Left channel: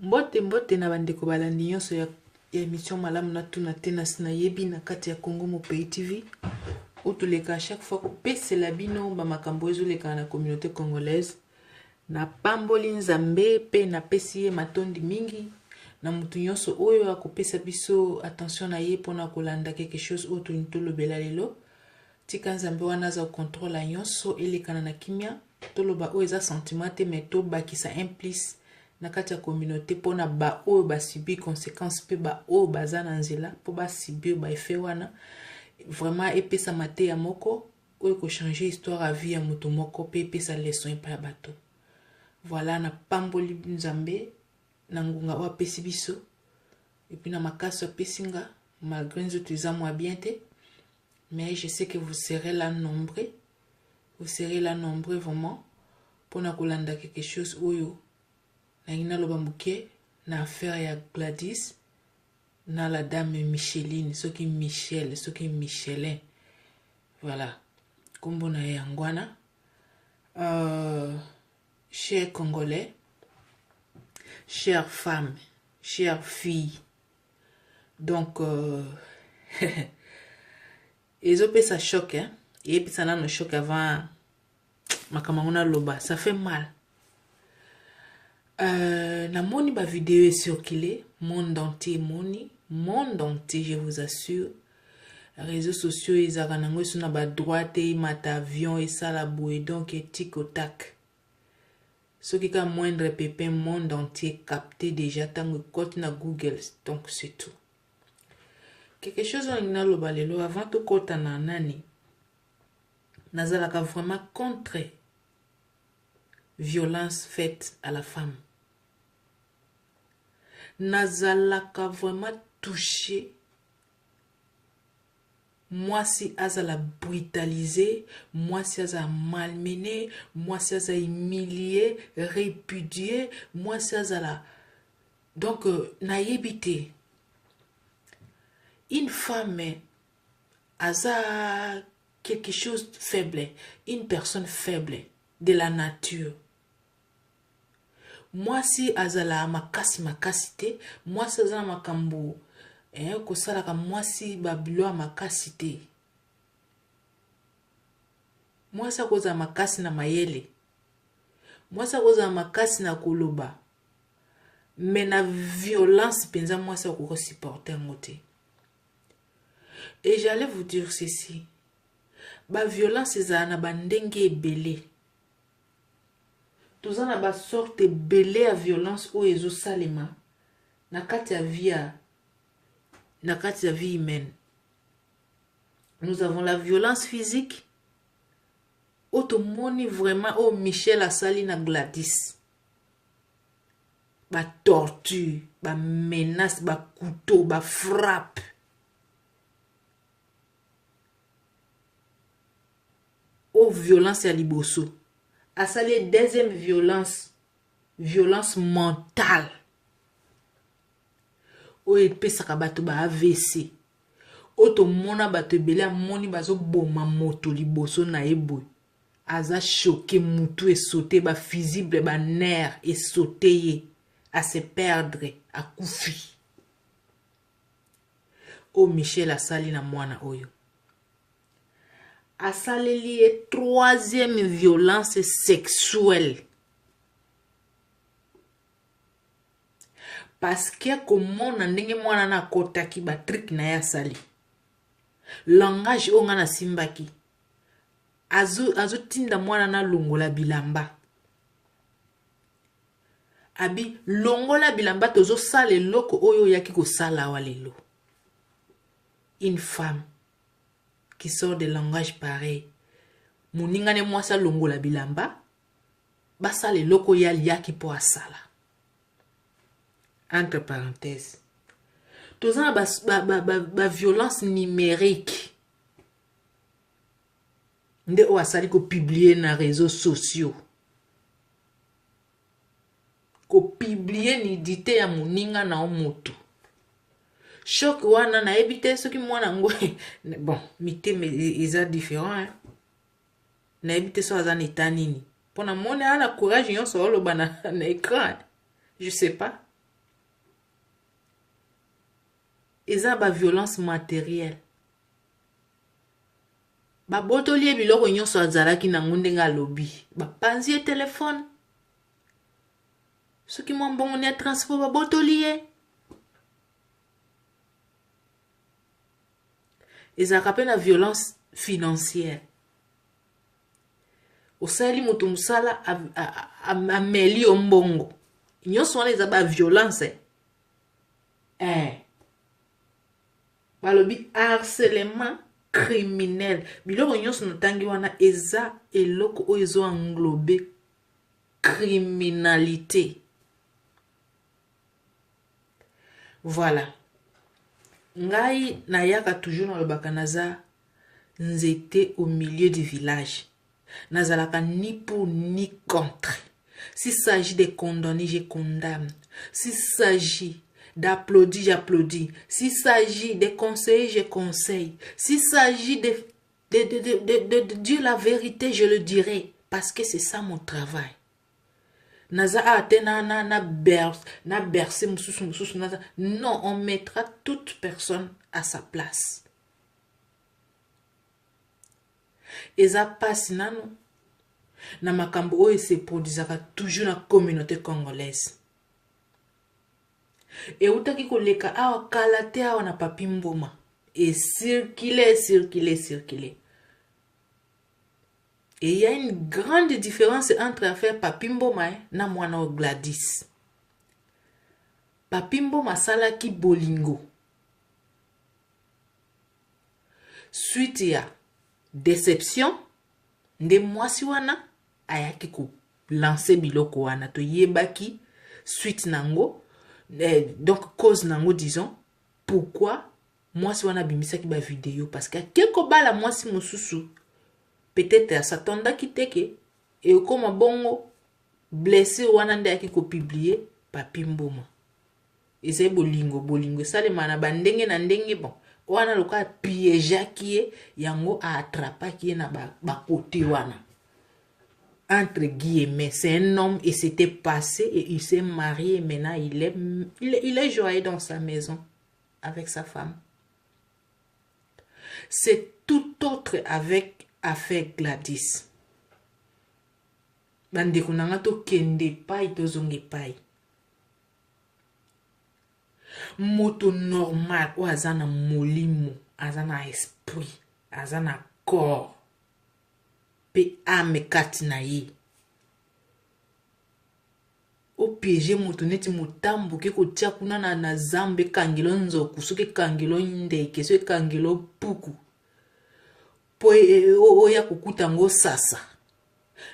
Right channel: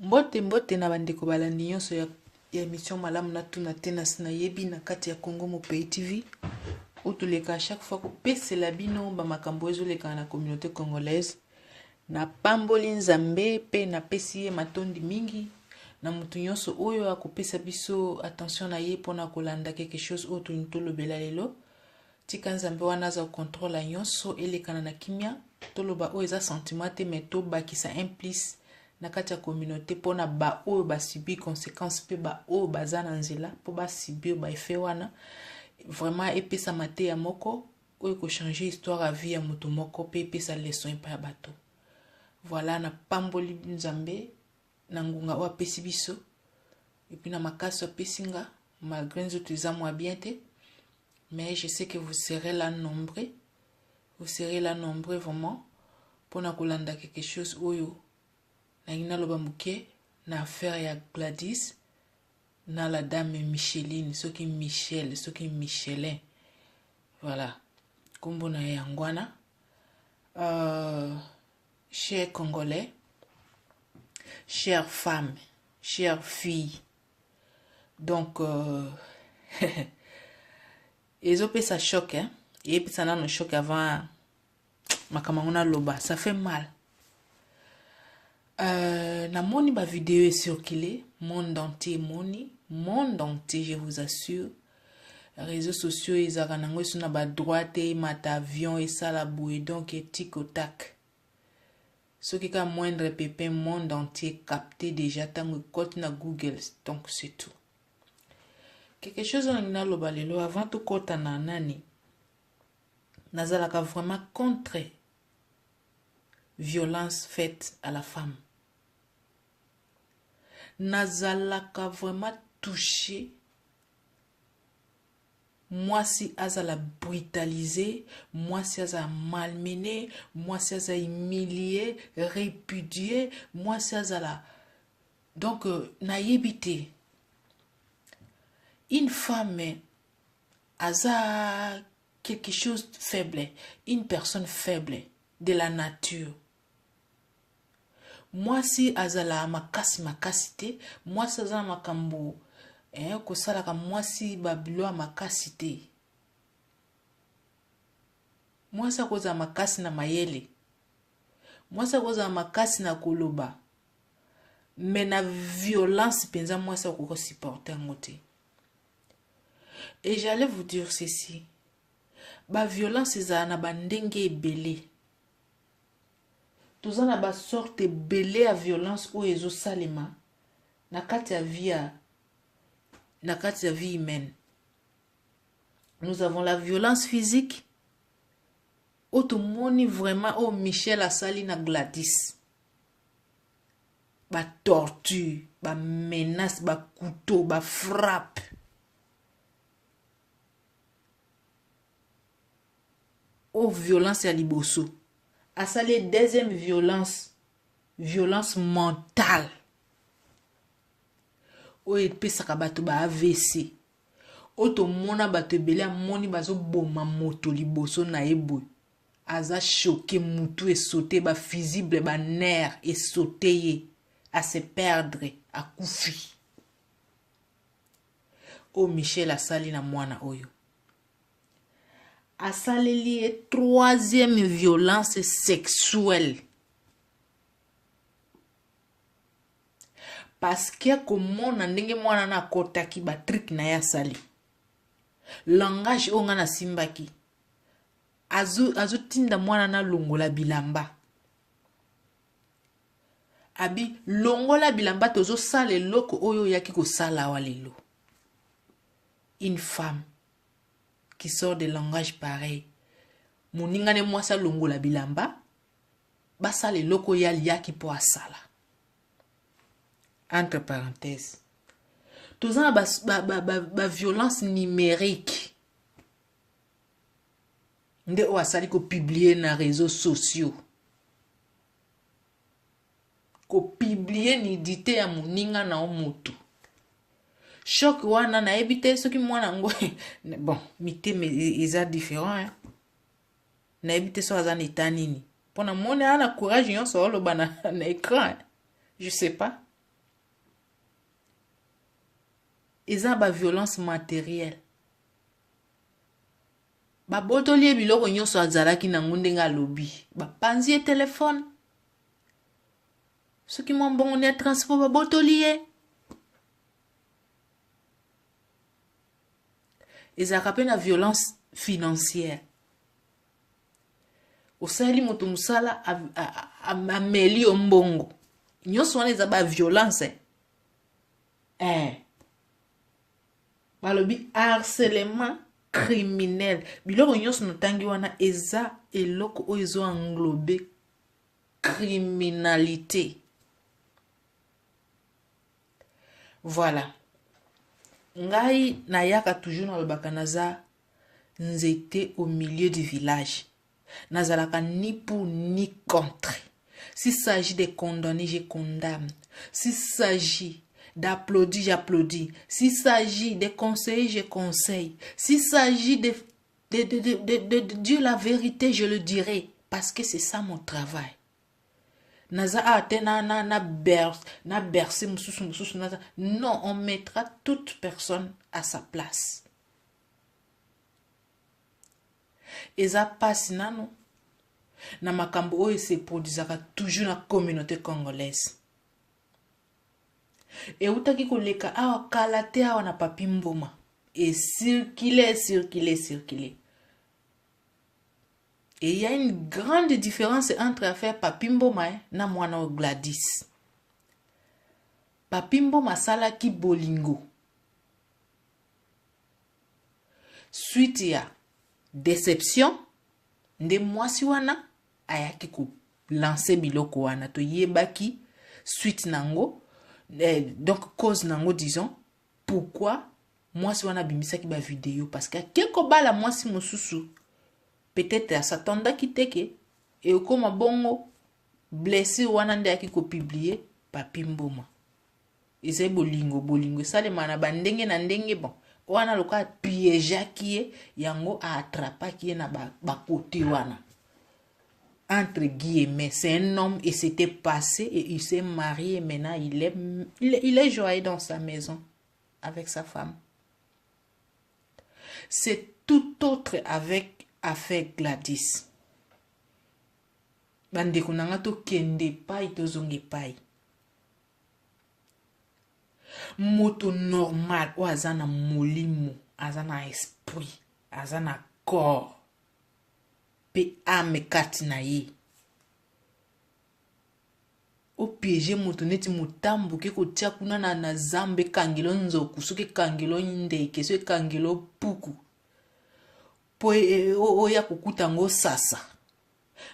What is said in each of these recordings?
Mbote na bandeko balandi nyonso ya émission malamu na tuna tena sina yebi na kati ya Congo mo pays TV. Otoleka à chaque fois kopesela bino ba makambo ezoleka na communauté congolaise. Na pamboli nzambe pe na pesi ye matondi mingi. Na mutu nyonso oyo akopesa biso attention na ye pona kolanda quelque chose autre ntolobela lelo. Tika nzambe wana za contrôle nyonso elekana na kimia. Toloba o eza sentiment te meto bakisa implice na kati ya communauté pona ba o ba subir conséquences pe ba o baza na nzela po ba subir ba effet wana vraiment epesa mate ya moko o ko changer histoire à vie ya moto moko pe epesa leçon pa ya bato. Voilà na pamboli nzambe na ngunga o apesi biso et puis na makasi apesinga malgré nzoto eza mwa bien te, mais je sais que vous serez là nombreux. Vous serez là nombreux vraiment pour na kolanda quelque chose oyo na ina loba muke na affaire ya Gladys na la dame Micheline, soki Michel, soki Michelin. Voilà. Kombo na yangwana. Chers Congolais, chères femmes, chères filles. Donc ezope ça choque hein. Et puis ça n'a no choc avant makamangona loba, ça fait mal. Na moni ba vidéo est circulée, monde entier monde entier, je vous assure. Réseaux sociaux ils aganango sur na ba droite et mat avion et ça la bouée donc et tic au tac. Ce qui a moindre pépin monde entier capté déjà tant que na Google, donc c'est tout. Quelque chose en ina loba lelo avant tout kota na nani. Nazalaka vraiment contre violence faite à la femme. Nazalaka vraiment touché. Moi si azala brutalisé, moi si azala malmené, moi si azala humilié, répudié, moi si azala. Donc naïbité. Une femme aza quelque chose de faible, une personne faible de la nature. Moi si azala makasite, moi si azala makambo, kosalaka moi si babilo makasite. Moi si akoza makasi na mayele. Moi si akoza makasi na koloba. Mais na violence penza moi si akoko supporter ngote. Et j'allais vous dire ceci. Ba violence eza na bandenge ebele. Toza na ba sorte ebele ya violence o ezo salema na kati ya vie humaine. Nous avons la violence physique. Otomoni vraiment o Michel asali na Gladys. Ba torture, ba menace, ba couteau, ba frappe. Oh, violence à liboso. À ça, les deuxième violence mentale. Oh, et puis ça bato ba AVC. Oh, to mona bato belé moni bazo boma moto liboso na ebo. Aza choqué mutu et sauté ba visible ba nerf et sauté à se perdre à koufi. Oh, Michel a sali na mwana oyo. Asaleli est troisième violence sexuelle. Parce que comment na ndenge mwana na kotaki ba trick na ya sali. Langage onga na simbaki. Azu tinda mwana na longola bilamba. Abi longola bilamba tozo sale loko oyo yaki ko sala walelo. Une femme qui sort de langage pareil. Moninga ne mwasa longola bilamba. Basa le loko yaki po asala. Entre parenthèses. Toza ba violence numérique. Nde o asali ko publier na réseaux sociaux. Ko publier nudité ya moninga na omoto. Choc wana na ebite soki mwana ngo bon mité mais ils sont différents hein. Na ebite so azana etanini. Pona mona ana courage yon so lo bana na écran. Je sais pas. eza ba violence matérielle. Ba botoli biloko nyonso azalaki nango ndenge alobi. Ba panzi e téléphone. Soki mwa mbongo ne transport ba botoli ye. Ezalaka pe na violence financière. Osali moto musala ameli yo mbongo. Nyonso wana eza ba violence. Balobi harcèlement criminel. Biloko nyonso notangi wana eza eloko oyo ezo englobe criminalité. Voilà. Ngai nayaka toujours na lobaka naza nzete au milieu du village. Nazalaka ni pour ni contre. S'il s'agit de condamner, je condamne. S'il s'agit d'applaudir, j'applaudis. S'il s'agit de conseiller, je conseille. S'il s'agit de dire la vérité, je le dirai. Parce que c'est ça mon travail. Naza na bercé non, on mettra toute personne à sa place. Eza passe nano na makambo oyo se produisaka toujours na communauté congolaise. Et outaki koleka awa kala te awa na Papi Mboma. Et circuler. Et il y a une grande différence entre affaire Papi Mboma na mwana o Gladys. Papi Mboma salaki bolingo. Suite ya déception, nde mwasi wana ayaki ko lancer biloko wana to yebaki suite nango. Donc cause nango disons pourquoi mwasi wana bimisaki ba vidéo parce que quelque bala mwasi mosusu peut-être s'attendaki teke et okoma bongo blessé wana nde yaki ko publier Papi Mboma. Eza bolingo salema na bandenge na ndenge bon wana loka piégeaki ye yango a attrapaki ye na ba côté wana. Entre guillemets, c'est un homme et c'était passé et il s'est marié et maintenant il est joyeux dans sa maison avec sa femme. C'est tout autre avec affaire Gladys. Bandeko nanga to kende pai to zonge pai. Moto normal ou azana molimo, azana esprit, azana corps. Pe ame kati na ye. O piéger moto neti motambo ke kotia kuna na zambe kangelo nzoku soki kangelo ndeke soki kangelo puku. Po oya kukuta ngo sasa.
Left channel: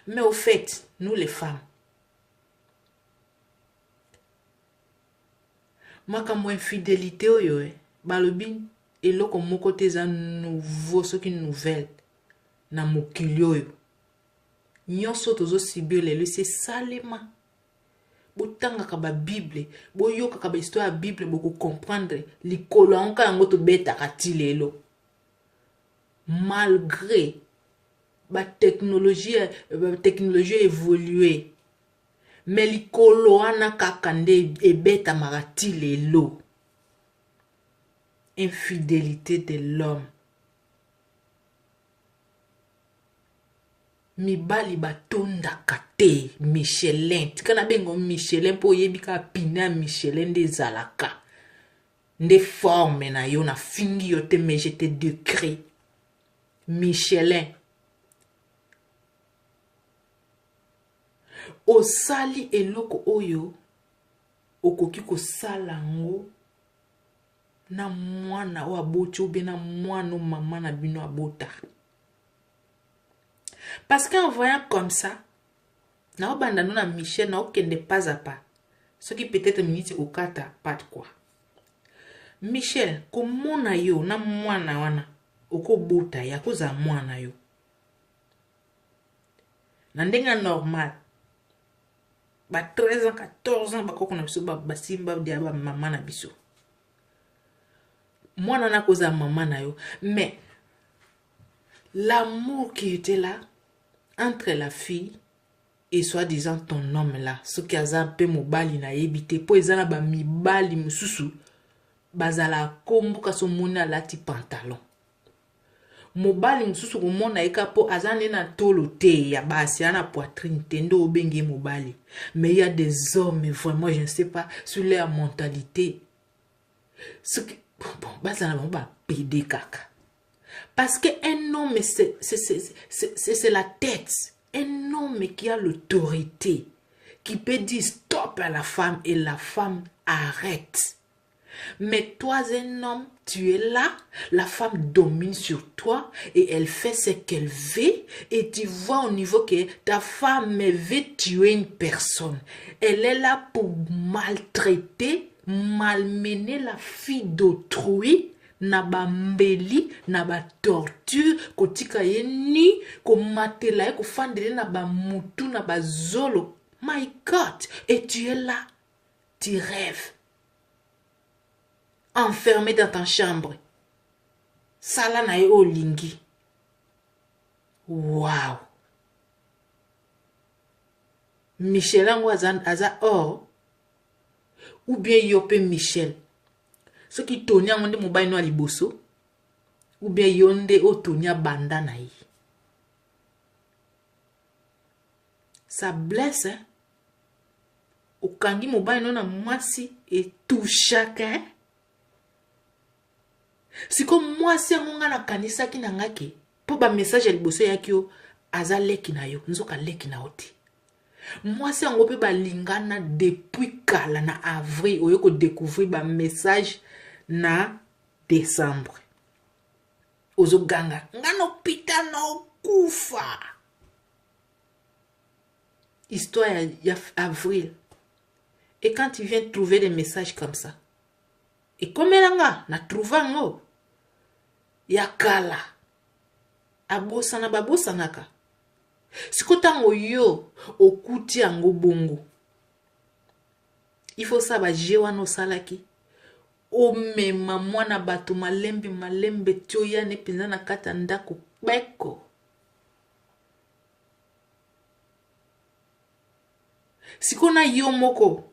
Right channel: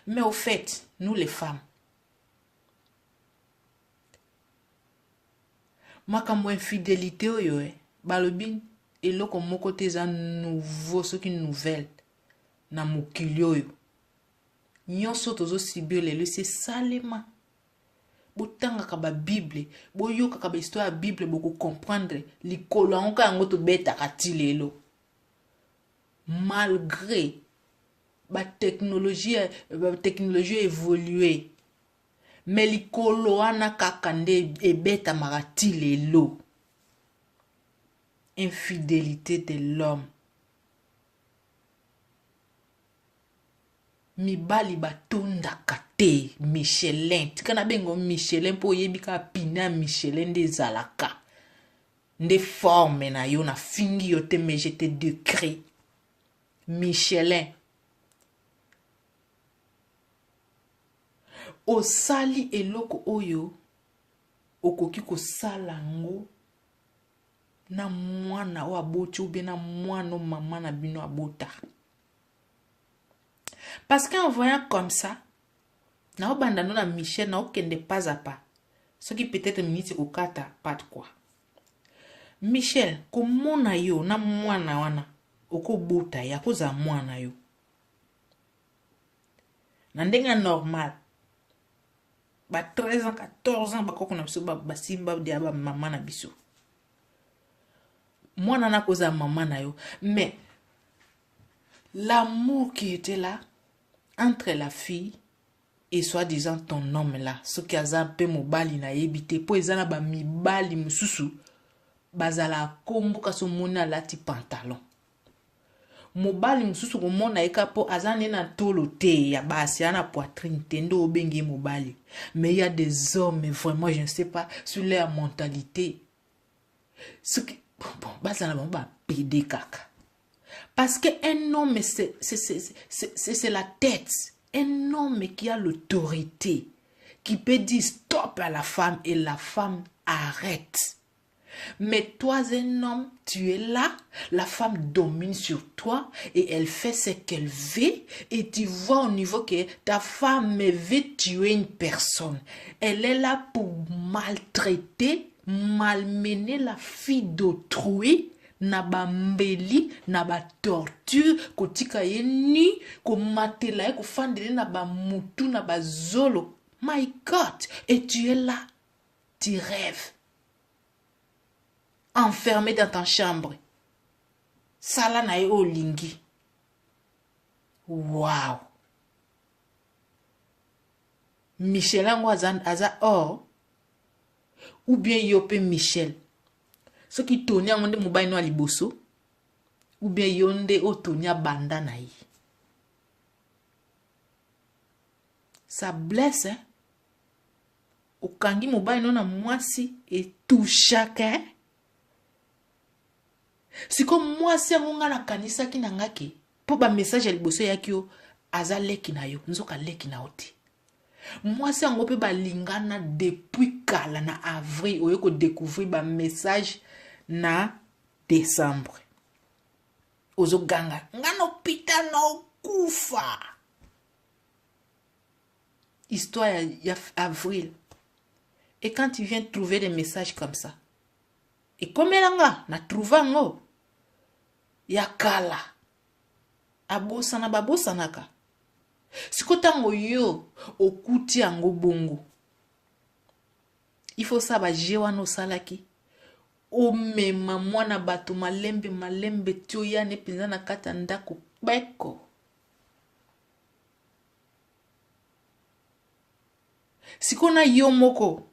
Mais au fait, nous les femmes, makambo infidélité oyo balobi eloko moko te za nouveau soki nouvelle na mokili oyo. Nyonso tozo sibio lelo c'est salema. Botangaka ba Bible, boyokaka ba histoire ya Bible boko comprendre likolo anka yango to betaka ti lelo. Malgré ba technologie évoluée, mais likolo wana kaka nde ebeta marati lelo. Infidélité de l'homme. Mibali batondaka te Michelin. Tikana bengo Michelin po yebika pina Michelin de zalaka. Nde forme na yo na fingi yo te mais je te décris. Michelin. Osali eloko oyo okoki kosala ngo na mwana o aboti ou bien na mwana maman na bino abota. Parce qu'en voyant comme ça, na obandano na Michel na okende pas à pas. Ce qui peut-être minute au kata pas de quoi. Michel, comment yo na mwana wana oko bota ya koza mwana yo. Na ndenga normal. Ba 13 ans, 14 ans bakoko na biso ba simba dia ba maman na biso. Mwana na koza maman na yo, mais l'amour qui était là entre la fille et soi-disant ton homme là, ce qui a zappé mobali na yebite, po ezana ba mibali mususu, bazala kombo kaso moni alati pantalon. Mobali mususu komona eka po azane na tolo te ya basi ana poitrine tendo obenge mobali. Mais il y a des hommes vraiment je ne sais pas sur leur mentalité. Ce qui bon bazala bon ba pédé kaka. Parce que un homme c'est la tête. Un homme qui a l'autorité qui peut dire stop à la femme et la femme arrête. Mais toi, un homme, tu es là, la femme domine sur toi et elle fait ce qu'elle veut et tu vois au niveau que ta femme veut tuer une personne. Elle est là pour maltraiter, malmener la fille d'autrui, na ba mbeli, na ba torture, kotika ye ni, ko matela ko fandele na ba mutu, na ba zolo. My God! Et tu es là, tu rêves. Enfermé dans ta chambre. Sala na ye olingi. Wow. Michel ango aza or. Ou bien yope Michel. Ce qui tourne en de mobile no aliboso. Ou bien yonde o tourne banda na ye. Ça blesse, hein. Okangi mobile no na mwasi et tout chacun. Si comme moi si ngonga na kanisa ki nangaki po ba message el bosse ya kyo aza leki na yo nzoka leki na oti moi si ngo pe ba lingana depuis kala na avril oyo ko découvrir ba message na décembre ozo ganga ngano pita na okufa histoire ya avril et quand tu viens trouver des messages comme ça et comme elanga na trouva ngo ya kala abosana babosanaka sikotango yo okuti yango bongo il faut ça ba jewa no salaki o mema mwana bato malembe tio ya ne penza na kata ndako beko sikona yo moko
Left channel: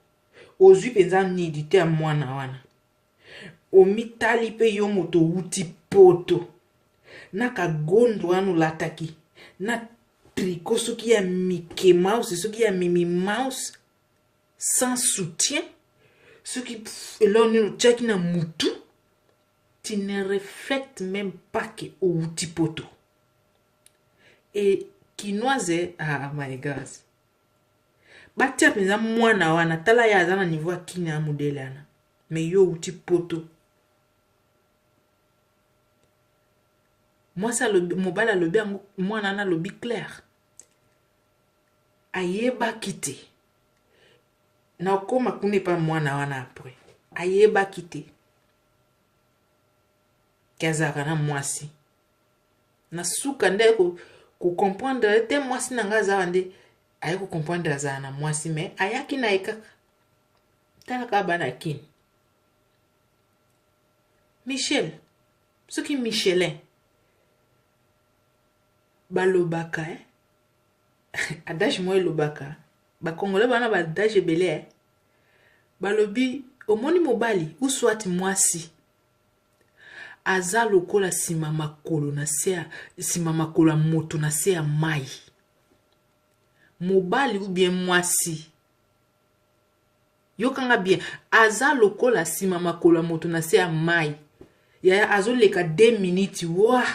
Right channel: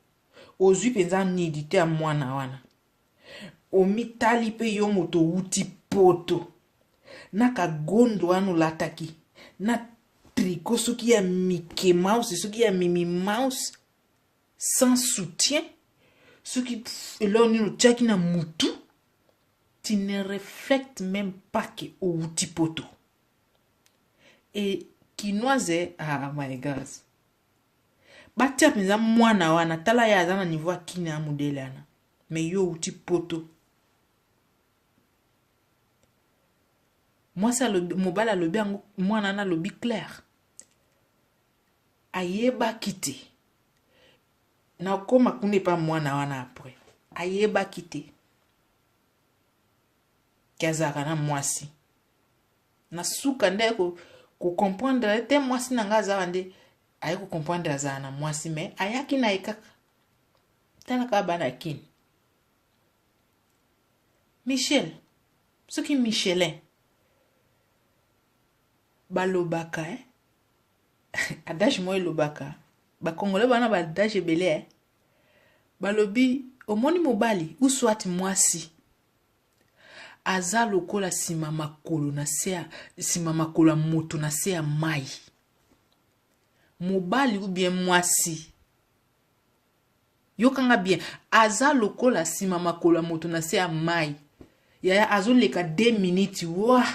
ozwi penza nidi te mwana wana omitali pe yo moto uti poto na kagondo anu lataki na tricot soki ya Mickey Mouse soki ya Mimi Mouse sans soutien soki eloni no tchaki na mutu tu ne reflètes même pas que uti poto et kinoise ah my god batia penza mwana wana tala ya azana niveau kini ya modele ana mais yo uti poto. Moi ça le mobile le bien moi nana le bi clair ayeba kite na koma kune pa mwana wana après ayeba kite kazaka na mwasi na suka nde ko comprendre te mwasi na ngaza nde aye ko comprendre za na mwasi mais ayaki na ekaka tala ka bana kin Michel ce qui Michelin balobaka adage moi lobaka ba congolais bana ba adage belé balobi omoni mobali ou soit mwasi aza lokola sima makolo na se sima makolo moto na se ya mai mobali ou bien mwasi yokanga bien aza lokola sima makolo moto na se ya mai ya azo leka 2 minutes wa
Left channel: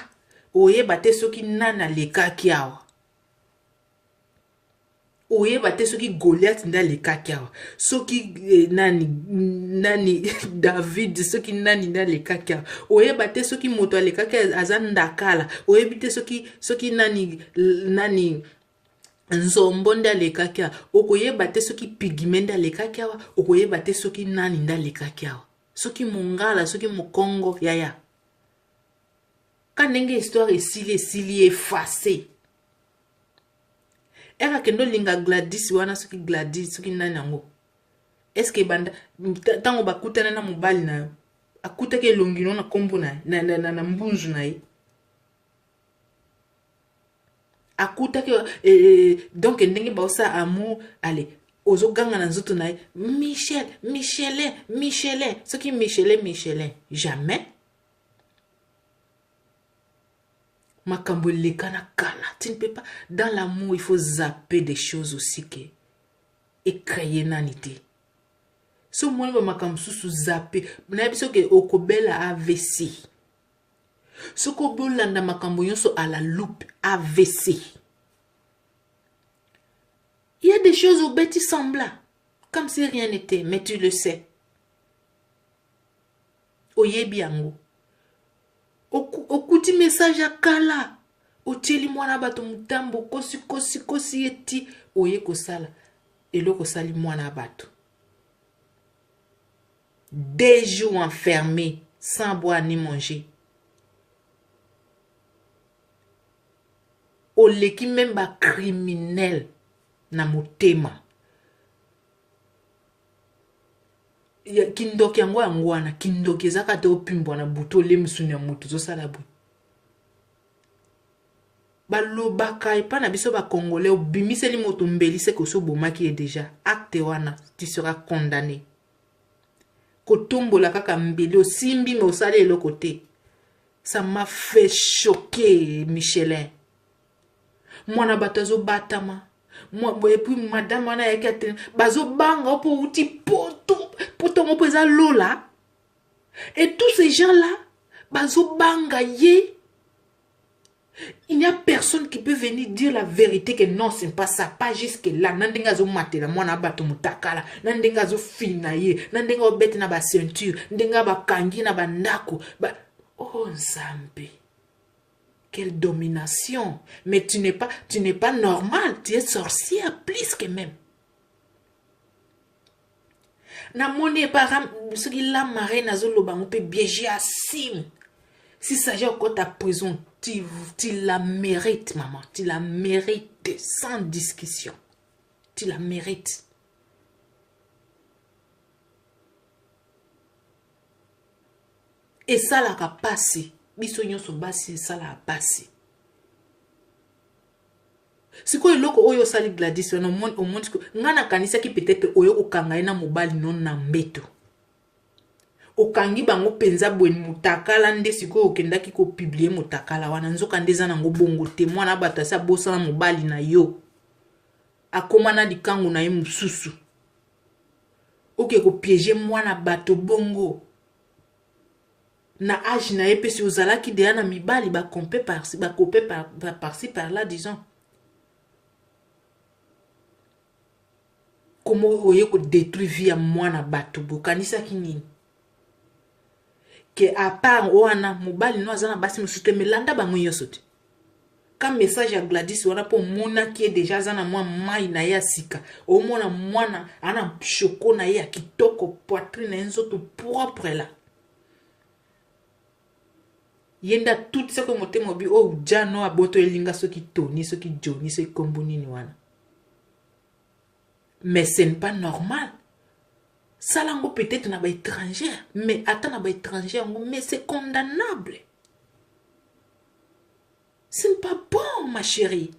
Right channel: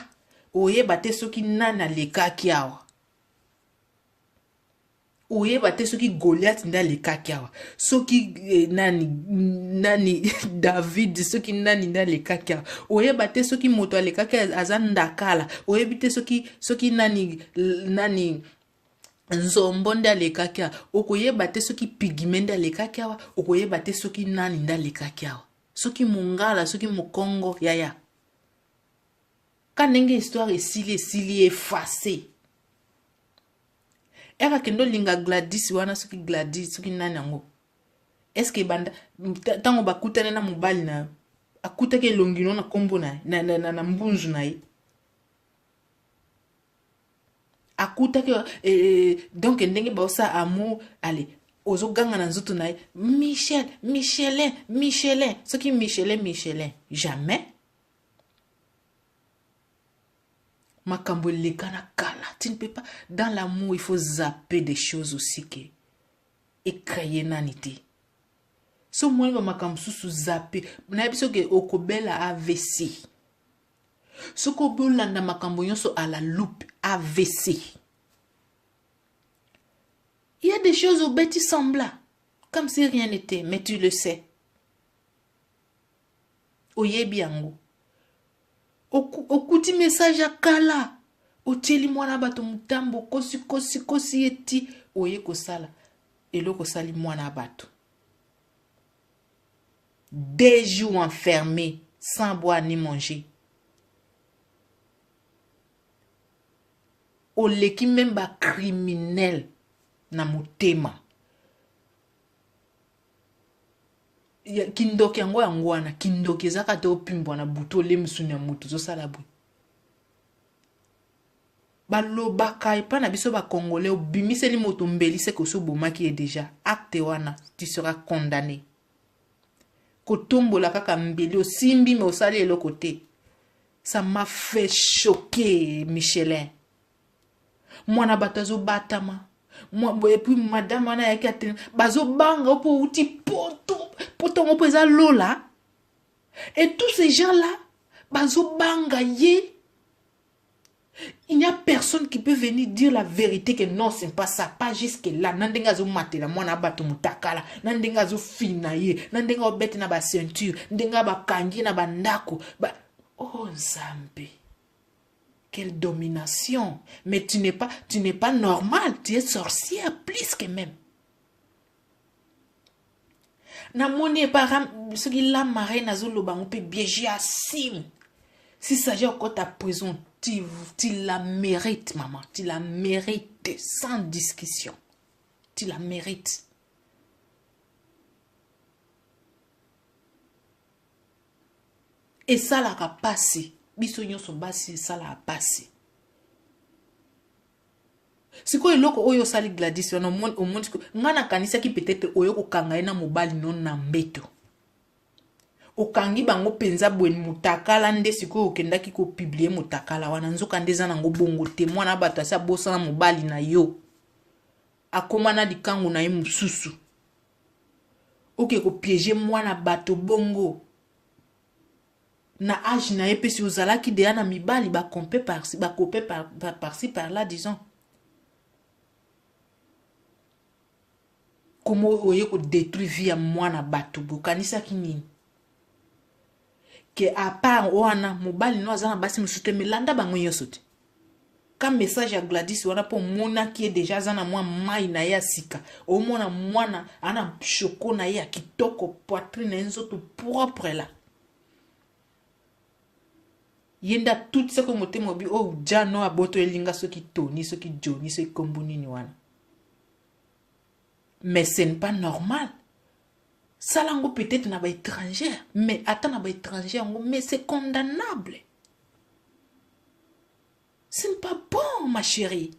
oyeba te soki nana lekaki awa oyeba te soki Goliath nda lekaki awa soki nani David soki nani nda lekaki awa oyeba te soki moto alekaki aza ndakala oyebi te soki nani nzombo nda lekaki awa okoyeba te soki pigme nda lekaki awa okoyeba te soki nani nda lekaki awa soki mongala soki mokongo yaya quand une histoire est effacée. Eka kendo linga Gladys wana soki Gladys soki nani yango. Est-ce que banda tango bakutana na mobali na akuta ke longino na kombo na mbunju na ye. Akuta ke donc ndenge ba osa amour allez ozo ganga na nzoto na ye Michel, Michelin, Michelin. Ce qui Michelin, Michelin. Jamais. Makambo lekana kala. Tu ne peux pas. Dans l'amour, il faut zapper des choses aussi que. Et créer nanité. So moi ba makambo susu zapper. Na biso ke okobela AVC. So ko bolanda makambo nyonso à la loupe AVC. Il y a des choses au bêtis semblables. Comme si rien n'était, mais tu le sais. Oyebi yango. Okuti message à kala. Otieli mwana bato mutambo kosi eti oye kosala. Eloko sali mwana bato. 2 jours enfermés sans boire ni manger. Oleki même ba criminel na motema. Kindoki yango yangwana kindoki ezaka te opimbwa na buto le musuni ya moto zo sala bwe. Balobaka epa na biso ba congolais obimiseli moto mbelise ko so bomaki e déjà acte wana tu seras condamné. Kotombola kaka mbeli osimbi me osali eloko te. Ça m'a fait choquer Michelin. Mwana batazo batama. Et puis madame wana yaki atene bazo banga opo uti poto ngopo eza lola. Et tous ces gens là bazo banga ye. Il n'y a personne qui peut venir dire la vérité que non, c'est pas ça, pas jusque là. Nandenga zo matela mwana bato mutakala, nandenga zo fina ye, nandenga obete na ba ceinture, nandenga ba kangi na ba ndako, oh Nzambe. Quelle domination. Mais tu n'es pas normal, tu es sorcière plus que même. Na moni param ce qui la marée na zo loba on peut biéger à sim. Si ça j'ai encore ta prison, tu la mérites, maman. Tu la mérites sans discussion. Tu la mérites. Et ça l'a passé. Bisogno so basi ça l'a passé. Si quoi loko oyo sali Gladys au monde ngana kanisa ki peut-être oyo okanga na mobali non na mbeto. Okangi bango penza bweni mutakala nde siko okendaki ko publier mutakala wana nzoka ndeza nango bongo te mwana batasa bosa na mobali na yo akoma na likangu na ye mususu oke ko piéger mwana bato bongo na âge na ye pesi ozalaki deya na mibali ba compé par-ci par-ci par-là disons comment oye ko détruire vie ya mwana bato bokanisa kinini que à part wana mobali no azana basi musute melanda bango yosote comme message à Gladys wana po mona qui est déjà zana moi mai na ya sika o mona mwana ana choko na ya kitoko poitrine nzoto propre là yenda tout ce que moté mobi o jano aboto elinga soki toni soki joni soki komboni ni wana mais ce n'est pas normal. Ça lango peut-être na ba étranger, mais attends na ba étranger, mais c'est condamnable. Ce n'est pas bon, ma chérie.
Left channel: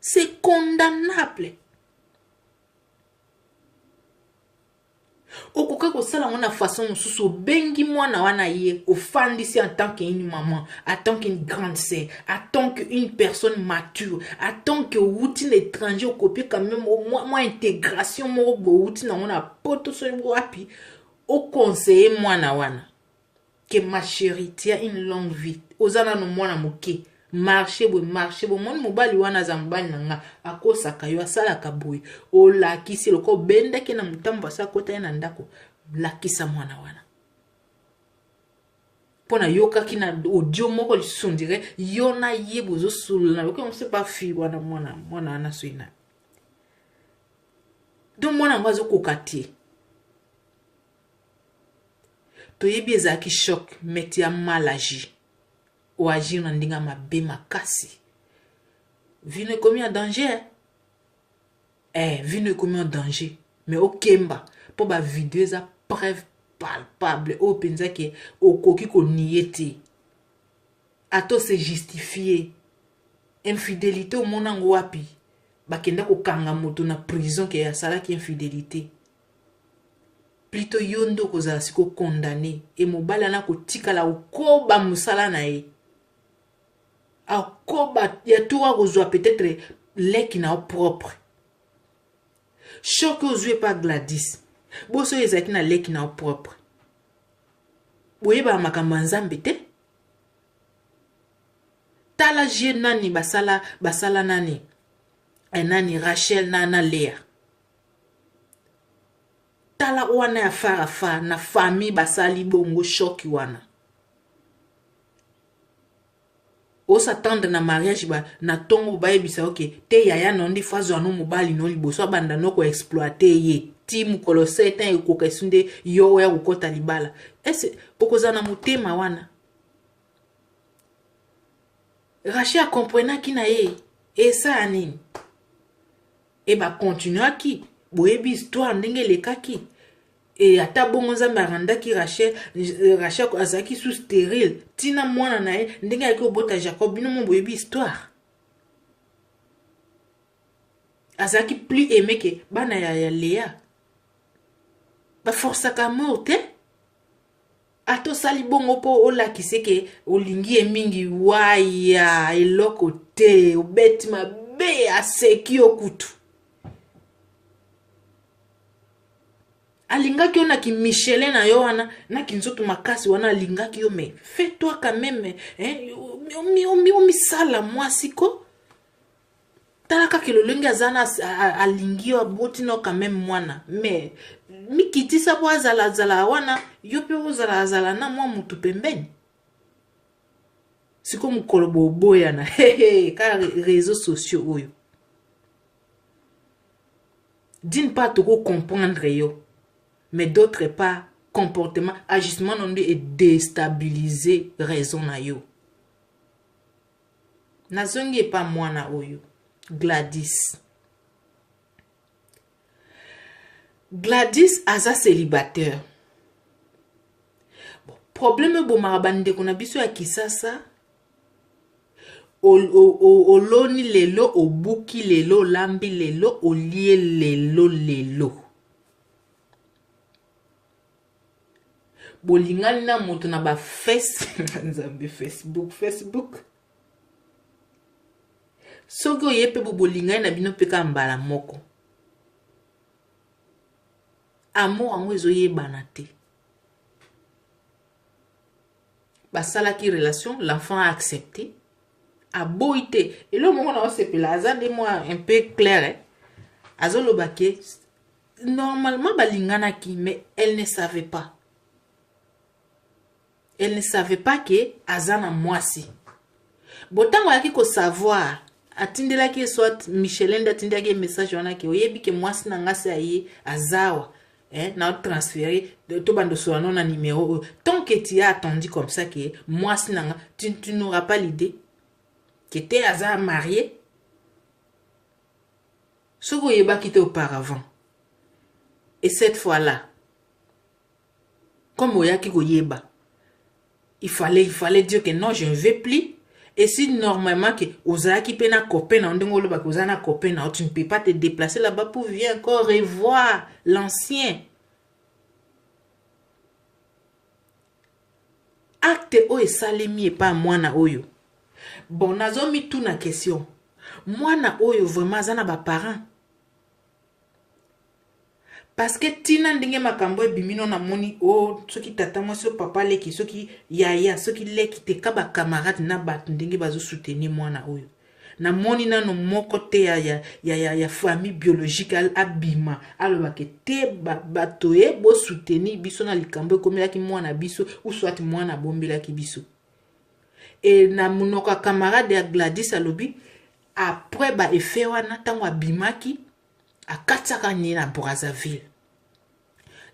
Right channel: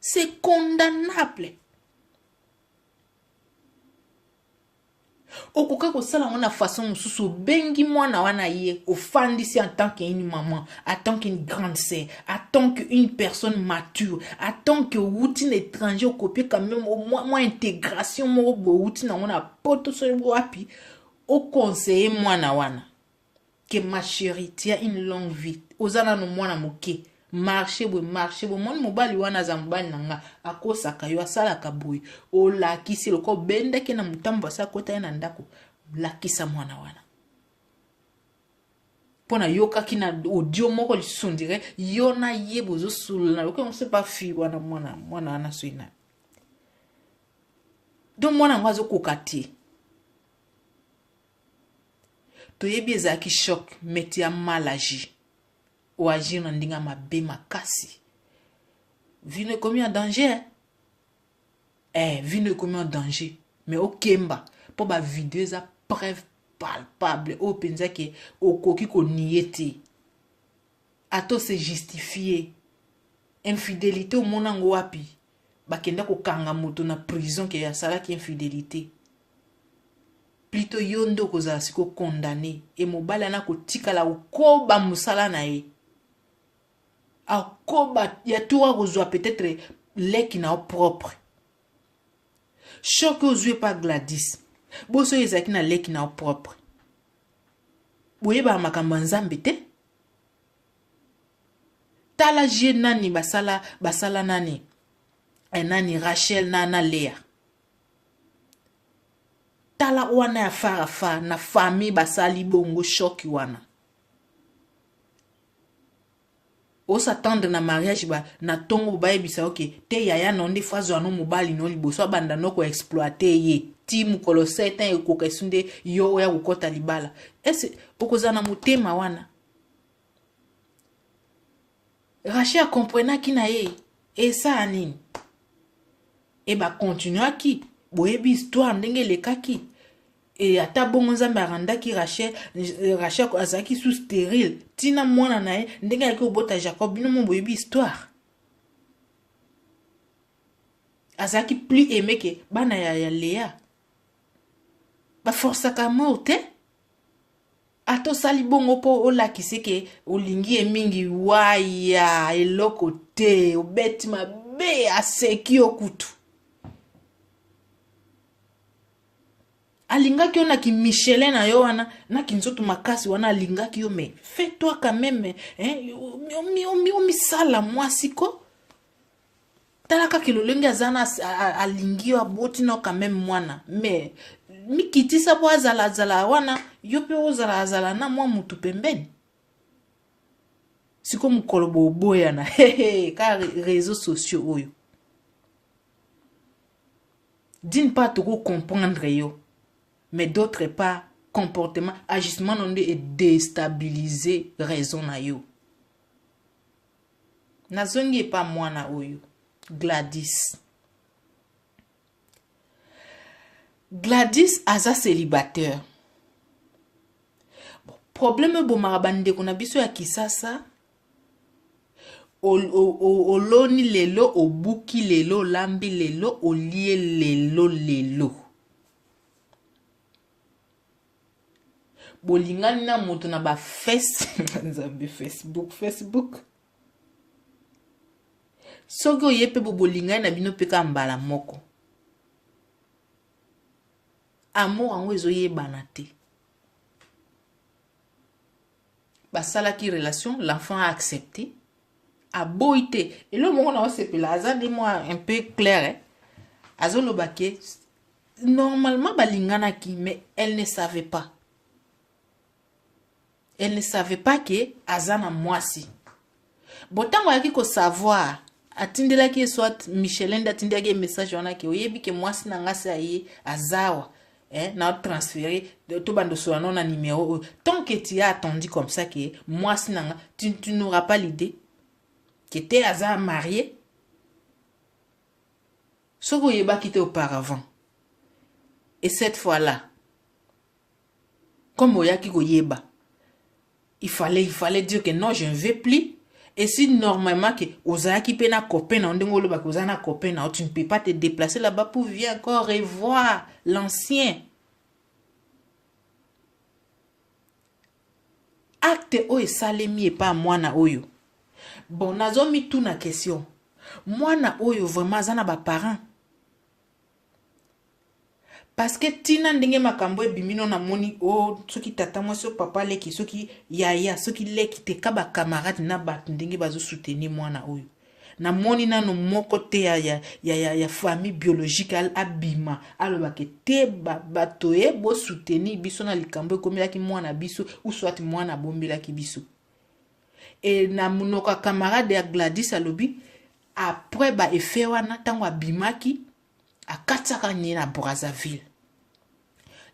C'est condamnable. Okoka ko sala wana façon mususu bengi mwana wana ye ofandisi en tant qu'une maman, en tant qu'une grande sœur, en tant qu'une personne mature, en tant que routine étranger copier quand même au moins intégration mo routine na wana poto so wapi au conseiller mwana wana que ma chérie tu as une longue vie ozana no mwana moke marcher bo mon mobali wana zambani nanga akosaka yo asala kaboy o la kisi loko benda ke na mutambo sa kota na ndako la kisa mwana wana pona yoka kina audio moko lisundire yona yebo zo suluna loko on sait pas fi wana mwana na suina donc mwana ngazo kokati to yebi ezaki choc meti ya mal agi ou agir na ndinga mabe makasi. Vie ne commis en danger. Vie ne commis en danger. Mais au kemba, pour ba vidéo za preuve palpable au penza ke au koki ko niete. Ato se justifier. Infidélité au monango wapi. bakenda kokanga moto na prison ke asalaki infidélité. Plutôt yondo kozala siko condamné et mobali ana kotikala okoba musala na ye. Akoba ya tuwa kozwa peut-être leki na propre. Choc ozwe pa Gladys. Boso ezaki na leki na propre. Boyeba makambo nzambe te. Tala je nani basala nani. Nani Rachel na Léa. Tala wana ya farafa na famille basali bongo choki wana. O s'attendre na mariage ba na tongo ba ebisa ok te yaya nondi fazo anu mobali no liboso banda no ko exploiter ye ti mukolo setan ko kesunde yo ya kokota libala. Ese okozana mutema wana. Rachel comprena ki na ye e sa anini. E ba continua ki boyebi histoire ndenge lekaki. Et ata bongo nzambe arandaki Rachel azaki sous stérile tina mwana na ye ndenge yaki obota Jacob bino mo boyebi histoire azaki plus aimé que bana ya Léa ba forçaka mort te ato sali bongo po olakise ke olingi emingi waya eloko te obeti mabe aseki okutu alingaki yo na ki Michelin na yo wana na ki nzoto makasi wana alingaki yo mais fais-toi quand même mi sala mwasi ko talaka ki lolenge azana alingi yo aboti no quand même mwana mais mi kitisa po azala wana yo pe ozala na mwa mutu pembeni siko mukolo boboya na ka réseaux sociaux oyo d'une part toko comprendre yo mais d'autre part, comportement, agissement non et déstabiliser raison na yo. Nazongi e pas moi na oyo. Gladys. Gladys aza célibataire. Bon, problème bo marabande kona biso ya kisasa. Oloni lelo, obuki lelo, lambi lelo, olie lelo. Bolingani na moto na ba Facebook soki oyepe bolingani na bino peka mbala moko amour ango ezoyebana te basalaki relation l'enfant a accepté aboyi te elo moko na osepela aza de moi un peu clair azoloba ke normalement balinganaki mais elle ne savait pas. Elle ne savait pas que azana mwasi. Botango yaki ko savoir atindela ki soit Michelin datindela ki message wana ki oyebi ke mwasi na ngasi aye azawa na transférer to bando sur na numéro tant que tu as attendu comme ça que mwasi na tu n'auras pas l'idée que tu es aza marié soko yeba ki te auparavant et cette fois-là comme oyaki ko yeba il fallait dire que non, je ne vais plus. Et si normalement que ozaki pena copain na ndenge oloba ko zana copain na tu ne peux pas te déplacer là-bas pour venir encore revoir l'ancien. Acte o esalemi et pas mwana oyo. Bon nazomi tout na question. Mwana oyo vraiment zana ba parents. Parce que tina ndenge makambo ebimino na moni o soki tata mwasi papa leki soki yaya soki leki te kaba camarade na bat ndenge bazo soutenir mwana oyo na moni nano moko te ya famille biologique abima aloba ke te bato e bo soutenir biso na likambo ekomela mwana biso ou soit mwana bombela ki biso et na munoka camarade ya Gladys alobi après ba effet wana tango abimaki akatsaka ni na Brazzaville.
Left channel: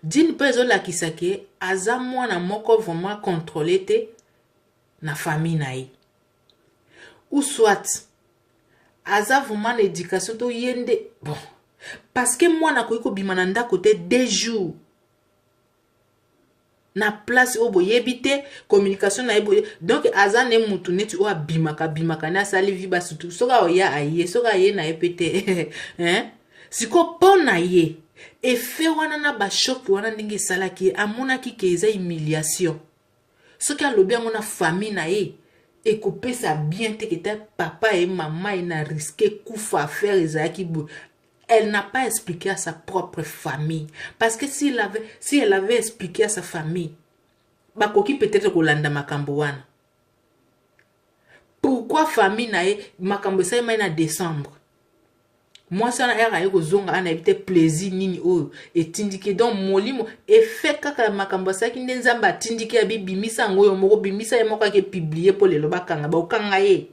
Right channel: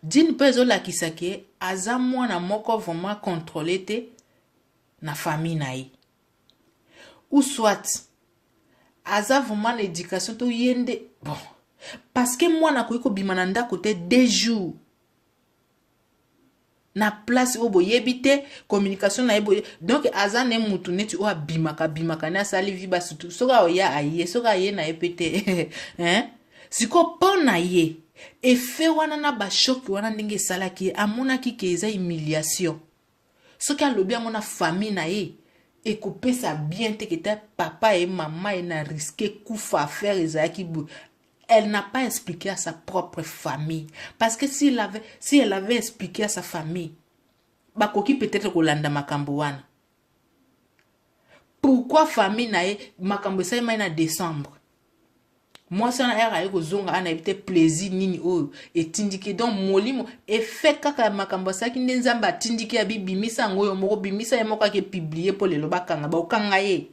D'une peso la kisake aza mwana moko vraiment contrôlé te na famille na ye. Ou soit aza vraiment l'éducation to yende bon parce que mwana ko bimana ndako te 2 jours. na place o boyebi te communication na ye donc aza ne mutu neti o abimaka na asali vi basutu soka oya aye soka aye na ye pe te hein? Siko mpo na ye efe wana na bashoki wana ndenge esalaki ye amonaki ke eza humiliation soki alobi yango na famille na ye ekopesa bien te kete papa et maman ye na risque kufa affaire ezalaki boye. Elle n'a pas expliqué à sa propre famille. Parce que si elle avait expliqué à sa famille, bakoki peut-être kolanda makambo wana. Pourquoi famille na ye makambo sa na décembre? Moi ça na era yeko zonga ana ebite plaisir nini oyo etindike donc molimo effet kaka makambo sa ki nzamba atindike ya bibimisa ngoyo moko bimisa ye moko ke publier pour lelo bakanga ba okanga ye.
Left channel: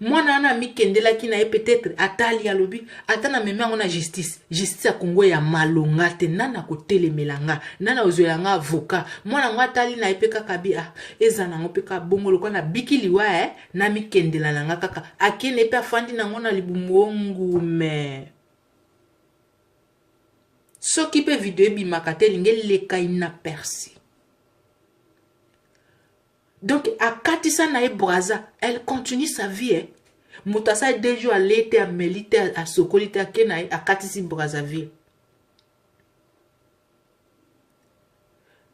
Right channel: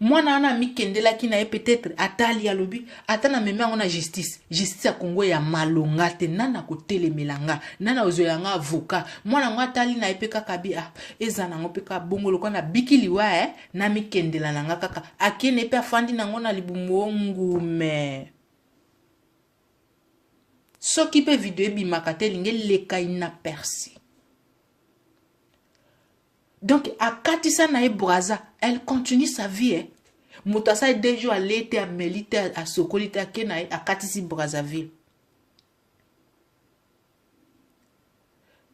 Moi na mikendela ki na ye peut-être atali alobi atana meme ngo na justice ya Congo ya malonga te nana ko telemelanga nana ozoyanga avocat moi na ngo atali na ye pe kaka bi ezana ngo pe ka bongolo ko na bikiliwa na mikendela nanga kaka akene pe afandi na ngo na libumongu me soki pe video bi makate linge leka ina persi. Donc, à Katissa Nae Braza, elle continue sa vie. Moutassa est 2 jours à l'été, à Melite, à Sokolite, à Kenaï, à Katissi Brazzaville.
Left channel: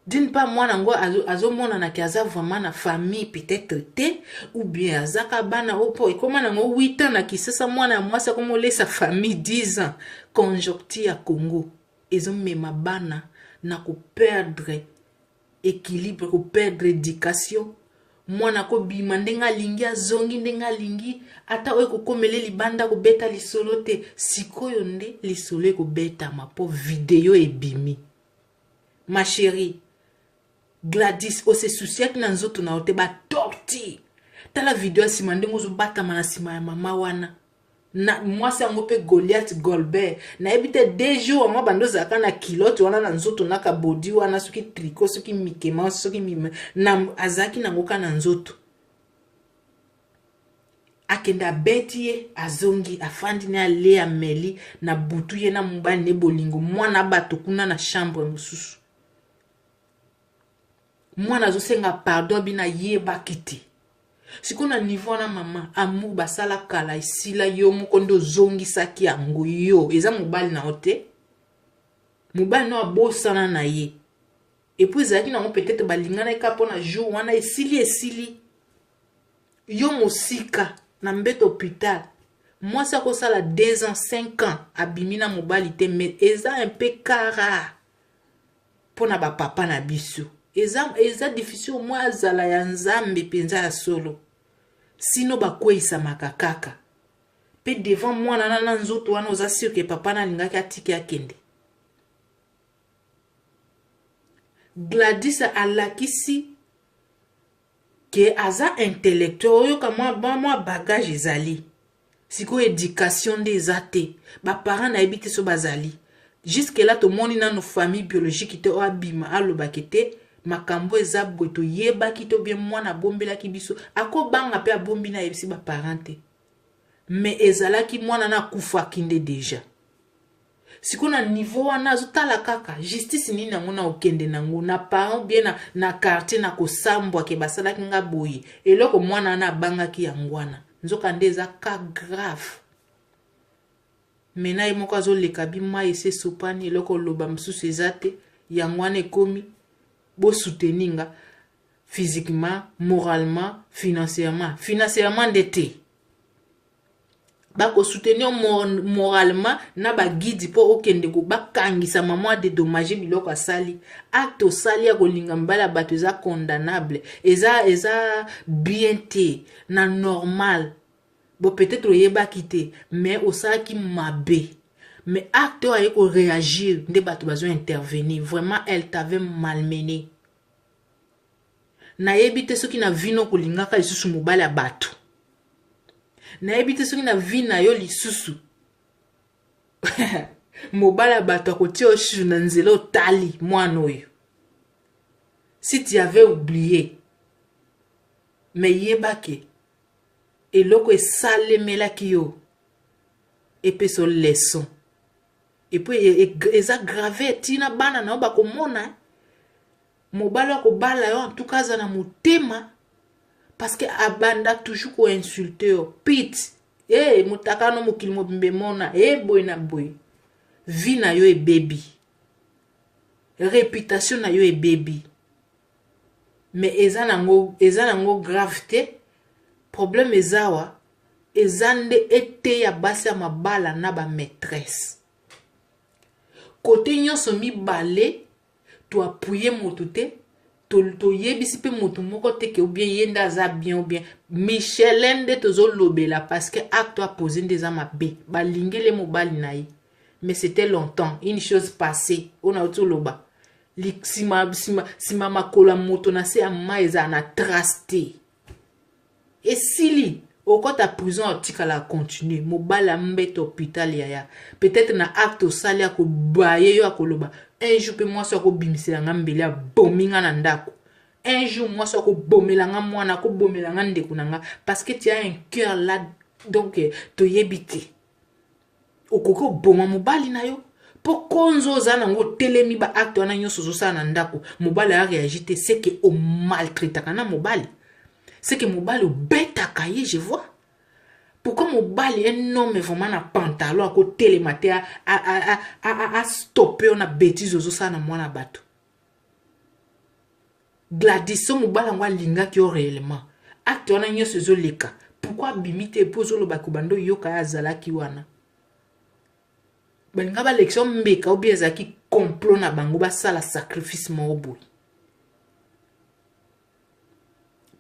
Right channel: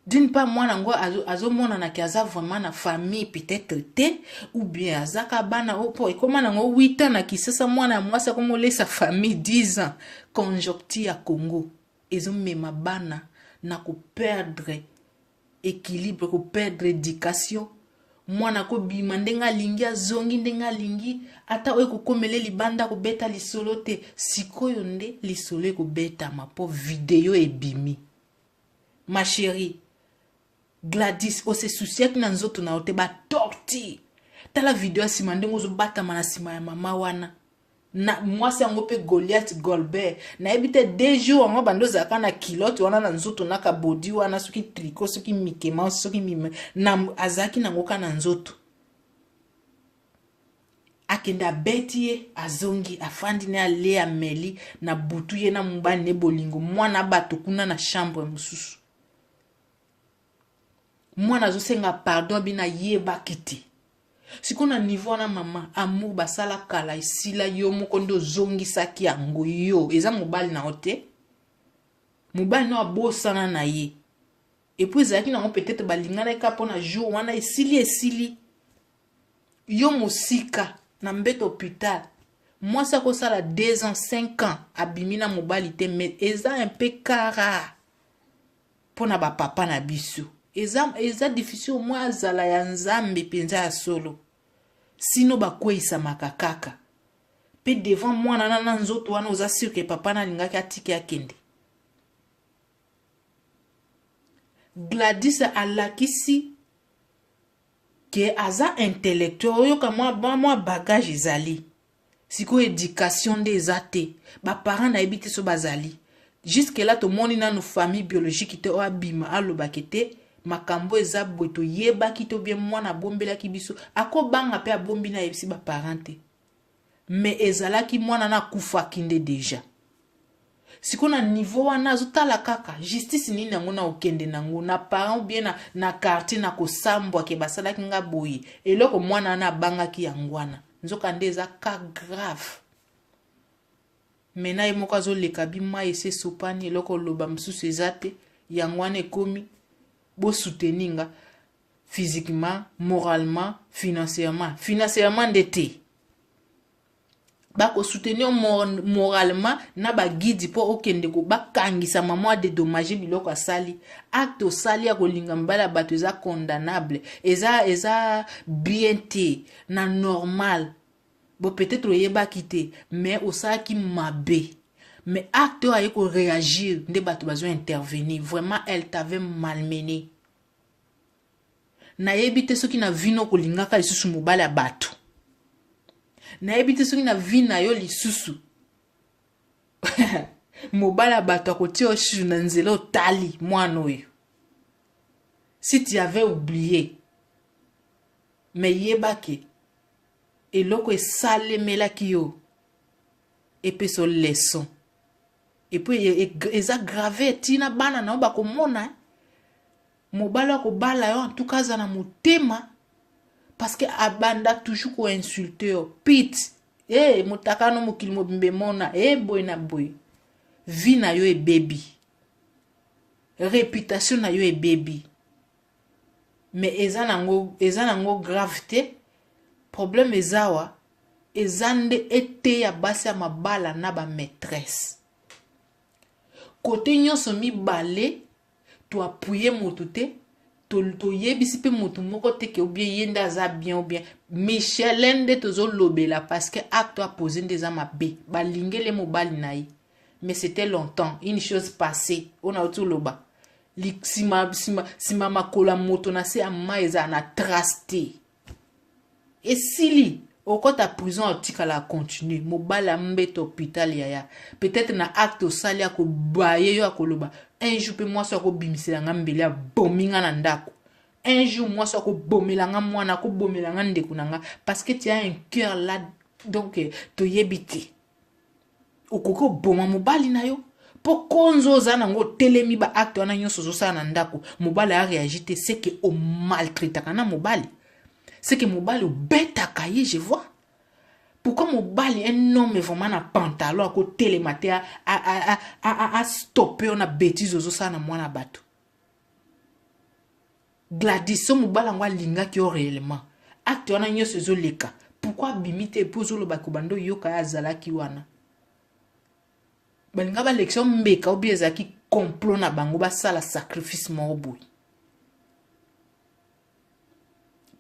D'une part, moi, azo mona na kiaza vraiment na famille peut-être te ou bien azaka bana opo et comment nango 8 ans na kisasa moi ça comme laisse sa famille 10 ans conjoncture à Congo. Ils ont même bana na ko perdre équilibre ko perdre éducation mwana ko bima ndenga lingi azongi ndenga lingi ata we ko komele libanda ko beta lisolo te sikoyo nde lisolo ko beta ma po video ebimi. Ma chérie Gladys o se soucier que nanzoto na ote ba torti tala video sima ndengo zo bata mana sima ya mama wana na moi c'est un peu Goliath Golbert na ebite 2 jours ngo bando zaka na kilote wana na nzoto na ka body wana soki tricot soki mikema soki mime na azaki na ngoka na nzoto akenda betie azongi afandi na le ameli na butu ye na mbani ne bolingo mwana bato kuna na chambre mususu mwana zo senga pardon bina yeba kiti. Si qu'on a niveau na maman amour basala kala isila yo mukondo zongi saki yango yo eza mobali na ote mobali no abosana na ye et puis zaki na peut-être balingana ekapo na jour wana esili yo mosika na mbeto hôpital moi ça ko sala 2 ans 5 ans abimina mobali te mais eza un peu kara pona ba papa na biso eza difficile moi azala ya nzambe penza ya solo sino bakweisa makakaka pe devant moi na nzoto wana oza sûr que papa na lingaki atiki akende. Gladys alakisi que aza intellectuel oyo kama moi bagage ezali siko éducation des athées ba parents na ebité so bazali jusque là to moni na no famille biologique te o abima alobakete makambo eza boto yeba kito bien mwana bombela ki biso ako banga pe abombi na yebisi ba parente mais ezalaki mwana na kufa kinde déjà sikona niveau wana zotala kaka justice nini nango na okende nango na parent bien na quartier na kosambwa ke basala kinga boyi eloko mwana na banga ki yangwana nzoka ndeza ka grave mena imoko zo lekabi mai se sopani eloko loba msusu ezate yangwana ekomi bo soutenir physiquement, moralement, financièrement ndete. Bako soutenir moralement na ba guide po okende ko bakangisa maman dédommager biloko asali. Acte osali ya kolinga mbala bato eza condamnable. Eza bien te na normal. Bo peut-être oyeba kite mais osala ki mabe. Mais acte a ko réagir, nde bato bazo intervenir. Vraiment, elle t'avait malmené. Na yebite soki na vino kolingaka lisusu mobali ya bato. Na yebite soki na vina yo lisusu. Mobali ya bato akoti oshu na nzelo tali mwana oyo. Si tu avais oublié. Mais yebake. Eloko esalemelaki yo. Epe so leçon. Et puis, ils ont gravé, tina bana na ba komona. mobala ko bala yo en tout cas za na motema parce que abanda toujours ko insulter yo pit motaka no mokili mobimbe mona boy na boy vie na yo baby réputation na yo baby mais eza nango gravité problème ezawa ezande ete ya basi ya mabala na ba maîtresse côté nyonso mibale to appuyer moto te to yebisi pe moto moko te ke ou bien yenda za bien ou bien Michelin de tozo lobela parce que acte a posé des amabe balingele mobali na ye mais c'était longtemps une chose passée on a tout loba sima makola moto na se amma eza na trusté et sili okota prison otika la continue mobala mbete hôpital yaya peut-être na acte osali ako baye yo akoloba un jour pe moi so ko bimisela ngambele ya bominga na ndako un jour moi so ko bomelanga mwana ko bomelanga ndeko nanga parce que tu as un cœur là donc to yebite okoko boma mobali na yo po konzo za nango telemi ba acte wana nyonso zo sa na ndako mobali a réagi te c'est que o maltraite kana mobali c'est que mobali bêta kaye je vois pourquoi mobali un homme vraiment na pantalon à côté les matés a stopper on a bêtise zo sa na mwana bato Gladys so mobali ngwa linga ki réellement acte wana nyonso zo leka pourquoi bimite pozo lo bakubando yoka ya zalaki wana balinga ba lection mbeka ou bien zaki complot na bango ba sala sacrifice mo boy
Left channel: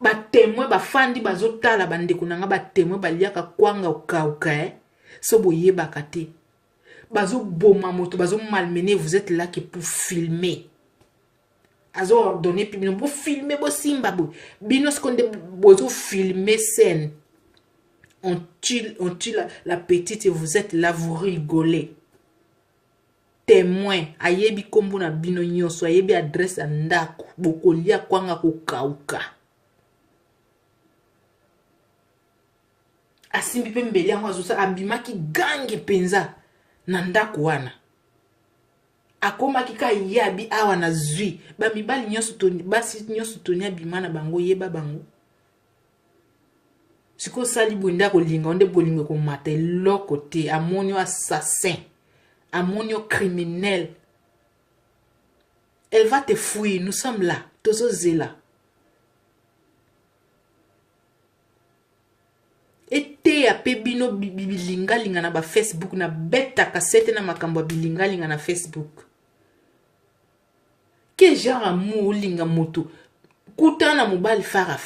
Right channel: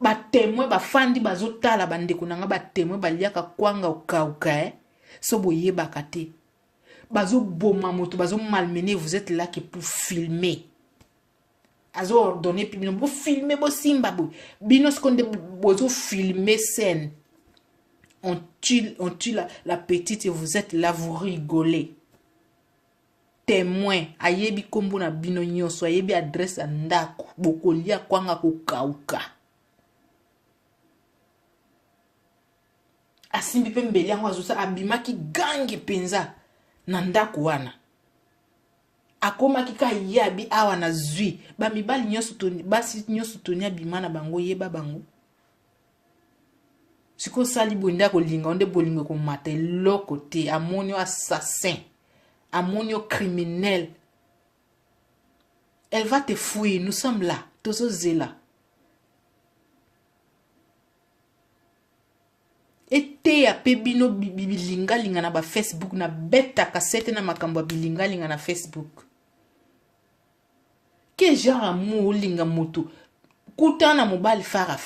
ba témoin ba fandi bazotala bandeko nanga ba témoin baliaka kwanga ukauka so boye bakate bazo boma moto bazo malmener vous êtes là que pour filmer azo ordonner puis pour filmer bo simba bo bino skonde bozo filmer scène on tue la petite et vous êtes là vous rigolez témoin ayebi kombo na bino nyonso ayebi adresse ya ndako bokolia kwanga kokauka asimbi pe mbeli yango azosa abimaki gange penza na ndako wana akomaki ka yabi awa na zwi bamibali nyonso toni basi nyonso toni abima na bango yeba bango siko sali bonda kolinga onde bolinga ko mata eloko te amonio assassin amonio criminel elle va te fouiller nous sommes là tozo zela ete ya pe bino bilinga na ba Facebook na beta kasete na makambo bilinga na Facebook que genre amour linga moto kutana mobali fara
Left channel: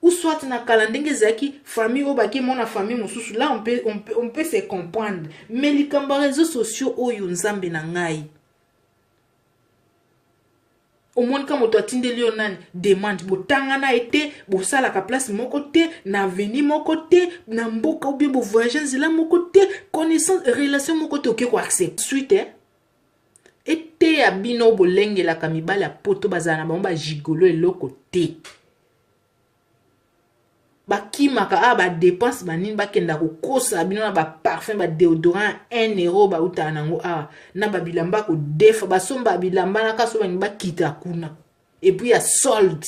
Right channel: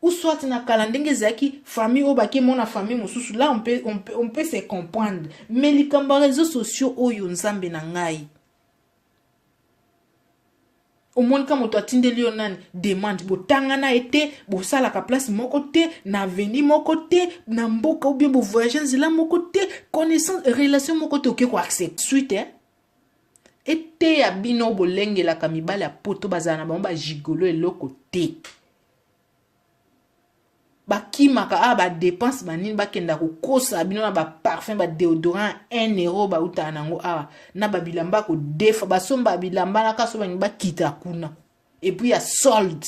ou soit na kalandenge zaki famille obaki mona famille mosusu là on peut se comprendre mais les réseaux sociaux oyo nzambe na ngai au monde comme toi tindeli onani demande botangana été bosala ka place moko te na veni moko te na mboka ou bien bo voyager nzela moko te connaissance relation moko te ko accept suite été ya bino bolenge la kamibala ya poto bazana ba gigolo eloko te bakimaka ba dépense banini bakenda ko kosa bino na ba parfum ba déodorant 1 euro ba utanango na ba bilamba ko defa basomba bilamba na kaso bani bakita kuna et puis ya solde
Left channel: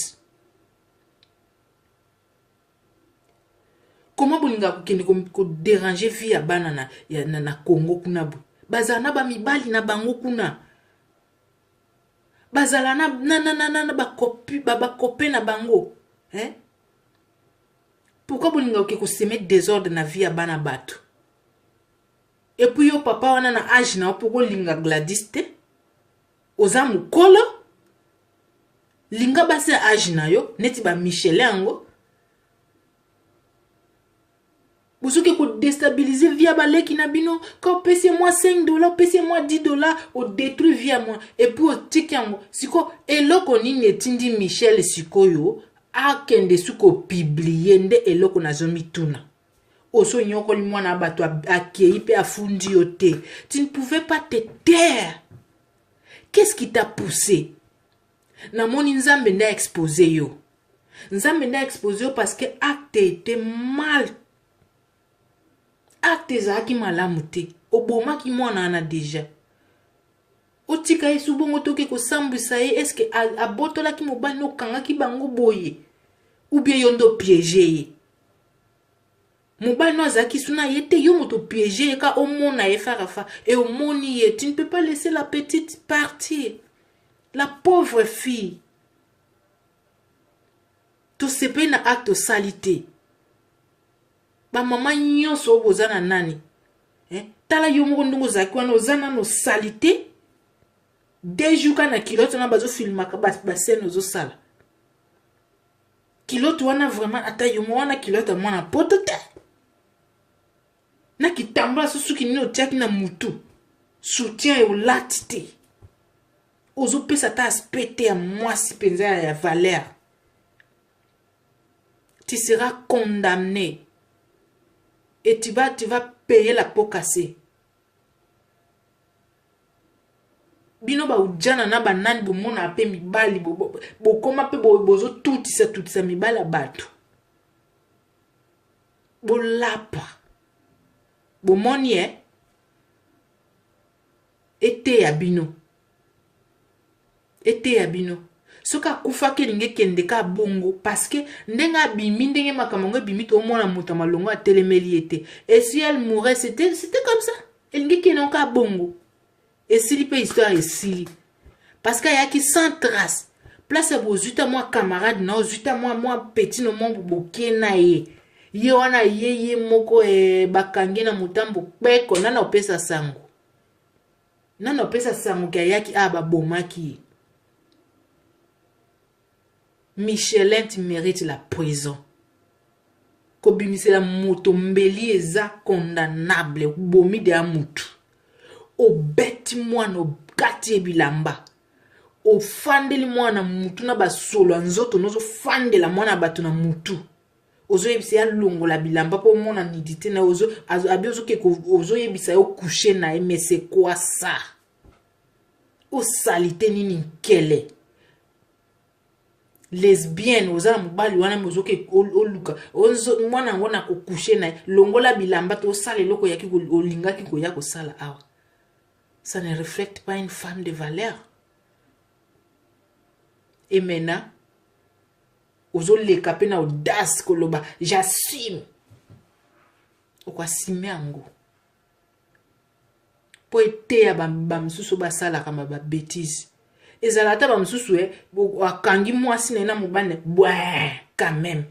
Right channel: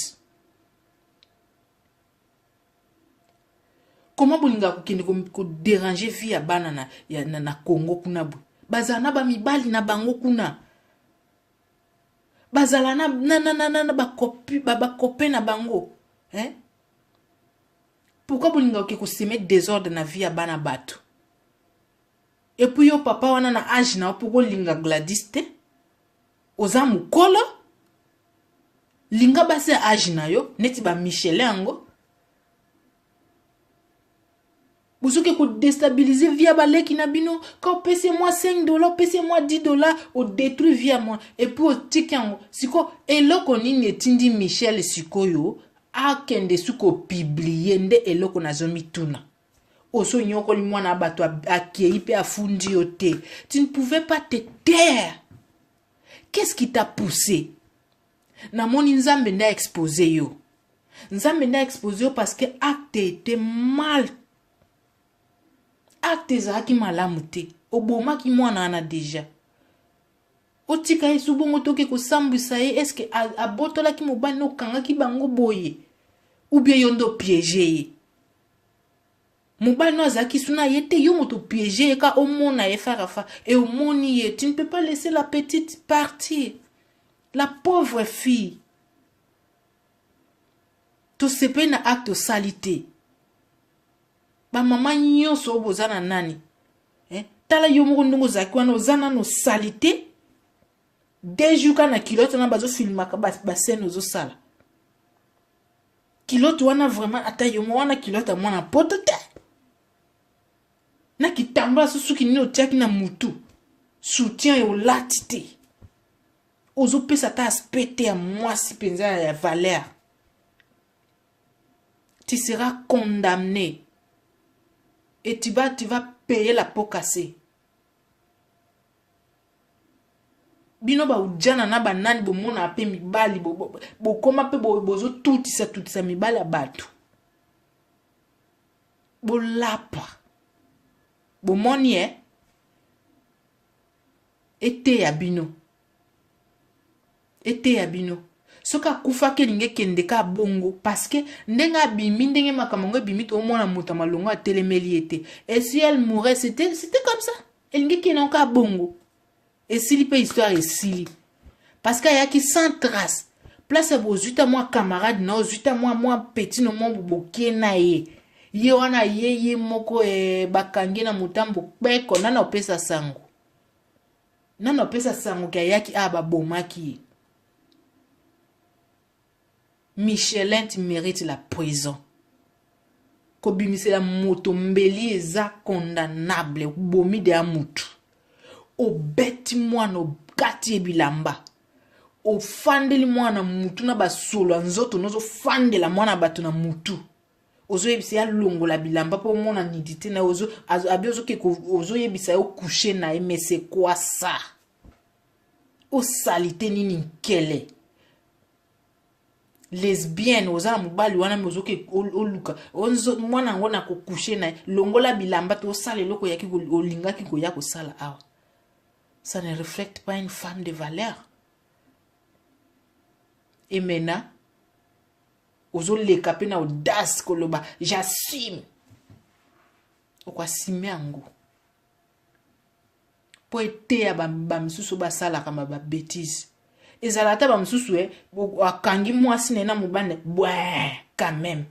comment bolinga ko kende ko déranger vie ya bana na Congo kuna bu bazana ba mibali na bango kuna bazala na ba kopi ba kopé na bango pourquoi bolinga ko semer désordre na vie ya bana bato et puis yo papa wana na âge na pourquoi linga Gladys te oza mukolo linga base âge na yo neti ba Michelin yango bozuke ko déstabiliser via baleki na bino quand payez-moi $5 payez-moi $10 au détruit via moi et puis au tikango siko eloko nini etindi Michel sikoyo akende suko publier nde eloko na zomi tuna oso nyoko li mwana bato akei pe afundi yote tu ne pouvais pas te taire qu'est-ce qui t'a poussé na moni nzambe nda exposé yo parce que acte était mal acte zaki malamu te oboma ki mwana na déjà otika ye su bongo toke kosambwisa ye eske abotolaki mobali no okangaki bango boye ou bien yo ndo piége ye mobali no azalaki suna ye te yo moto piége ye ka omona ye farafa et omoni ye tu ne peux pas laisser la petite partir la pauvre fille tosepe na acte salité ba mama nyonso oyo boza na nani tala yo moko ndongo ozalaki wana oza nano salité deux jours kana kilote wana bazofilmaka bascène ozosala kilote wana vraiment ata yo mo wana kilote amona poto te na kitambala susuki nini otiaki na mutu soutien olati te ozopesa ta aspect te ya mwasi mpenza ya valeur tu seras condamné et tu vas payer la peau cassée. Bino ba ujana na banani bomona ape mibali bokoma pe bozo tutisa mibali ya bato. Bolapa. Bomoni ete ya bino. Ete ya bino. Soka kufa ke linge kende ka bongo parce que ndenga bimi ndenge makamongo bimi to mona muta malongo telemeli ete et si elle mourait c'était comme ça linge kende ka bongo et si pe histoire et si parce qu'il y a qui sans trace place à vos 8 mois camarade non 8 mois petit no mon boke na ye wana ye moko bakange na mutambo peko nana opesa sango kaya ki aba bomaki. Michelin, tu mérites la prison. Kobimise la moto mbeli eza condamnable. Bomi de amutu. O beti mwana o gati ebilamba. O fandeli mwana mutu na basolo. Nzoto nozo fandela mwana batu na mutu. Ozo yebisa ya longo la bilamba. Po mwana nidite na ozo. Abi ozo keko ozo yebisa yo coucher na mais c'est quoi ça? O salite nini kele. Lesbienne ozala mobali wana mozoke oluka mwana ngona ko coucher na longola bilamba to sala eloko yaki olingaki ko ya ko sala awa ça ne reflète pas une femme de valeur et maintenant ozoleka pe na audace koloba j'assume okwa simengo po ete ya bamsusu basala kama ba bêtise ezalata bamsusu akangi mwasi na mobane bwe quand même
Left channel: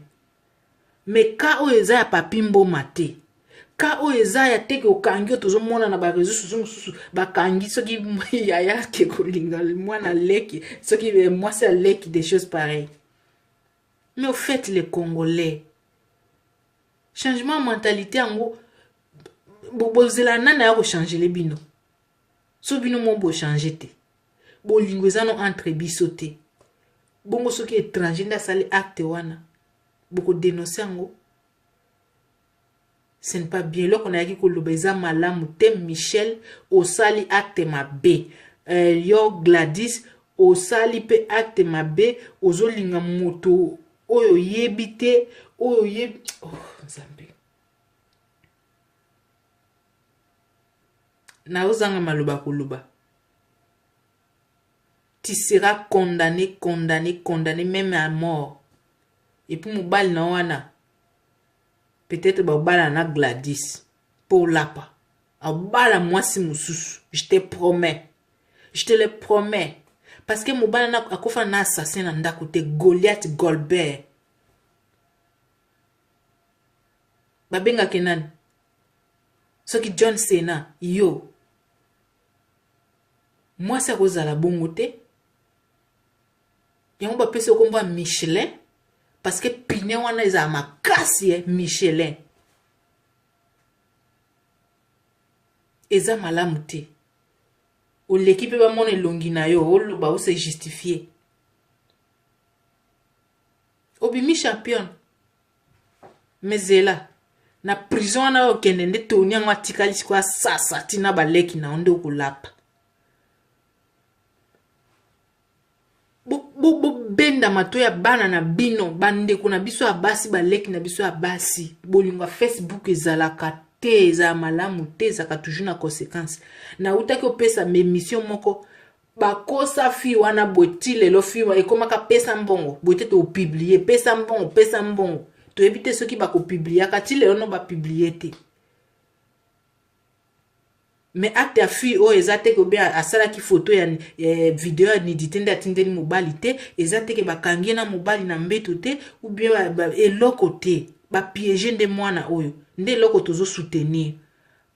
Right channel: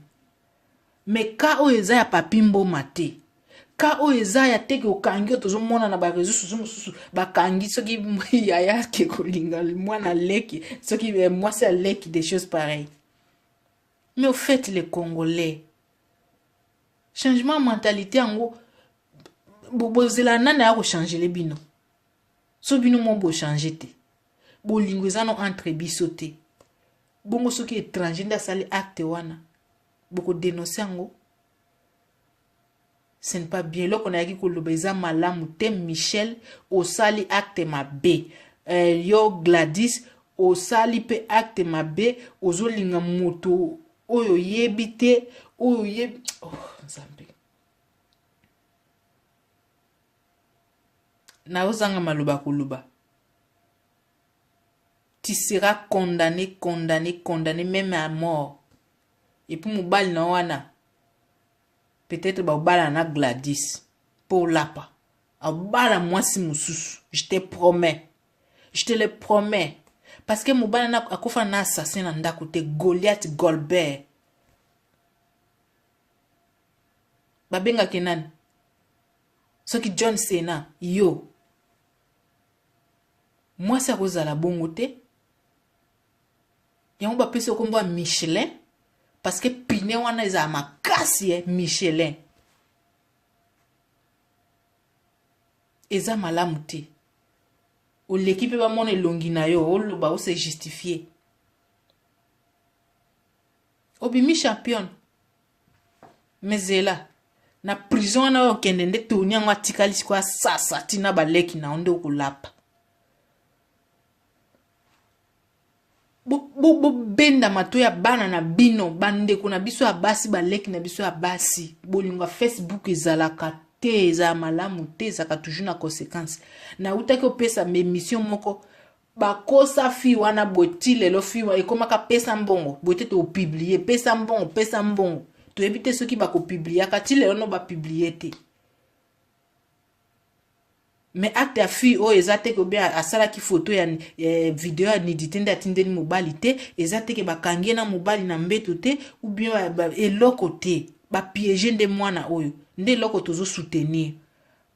mais ka o eza ya papimbo mate ka o eza ya teke okangi tozomona na ba réseaux sociaux mususu bakangi soki yaya ke kolinga mwana leki soki mwasi a leki des choses pareilles mais au fait les Congolais changement mentalité ango bozela nana ya ko changer les bino so bino mo bo changer te bolingo ezano entre bisote bongo soki étranger nda sali acte wana boko dénoncer ngo ce n'est pas bien loko na yaki koloba eza malamu te Michel osali acte mabe yo Gladys osali pe acte mabe ozolinga moto oyo yebite oyo yebi nzambe na ozanga maloba koloba. Tu seras condamné même à mort. Et puis mobile na wana peut-être ba na Gladys pour lapa. Abala moi si mususu, je te promets. Je te le promets parce que mobile na akofa na assassin na ndako te Goliath Golbert. Babenga kenan. Soki John Cena yo. Moi ça kozala bongo te. Yango ba pese komba Michelin parce que pine wana eza makasi Michelin eza malamu te o l'équipe ba mona elongi na yo oloba o se justifier obimi champion mezela na prison na okende nde toni yango atikali kwa sasa tina baleki na onde okulapa bo benda mato ya bana na bino bande kuna biso abasi baleki na biso abasi bolingwa Facebook ezalaka te za malamu te za ka toujours na conséquence na utaki opesa émission moko bakosa fi wana boti lelo fi wana ekomaka pesa mbongo bote to publier pesa mbongo to ebite ceux qui ba ko publier ka ti lelo no ba publier te mais acte ya fi o ezate ko be asala ki photo ya video ya nidité nde atindeli mobali te ezate ke bakangie na mobali na mbeto te ou bien eloko te ba piéger nde mwana oyo nde eloko tozo soutenir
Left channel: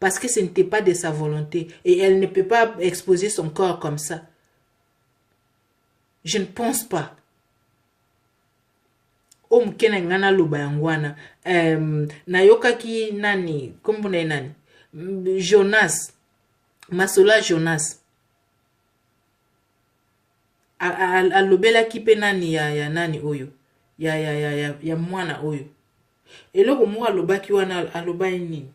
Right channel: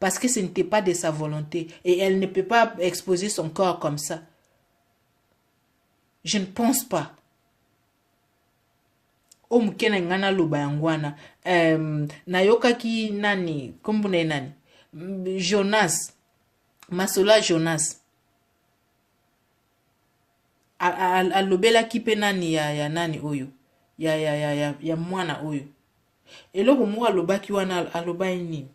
parce que ce n'était pas de sa volonté et elle ne peut pas exposer son corps comme ça. Je ne pense pas. Mkene ngana luba yangwana. Nayoka ki nani, kumbune nani? Jonas. Masola Jonas. Alobela kipe nani ya nani oyo. Ya mwana oyo. Eloko mwa alobaki wana aloba nini?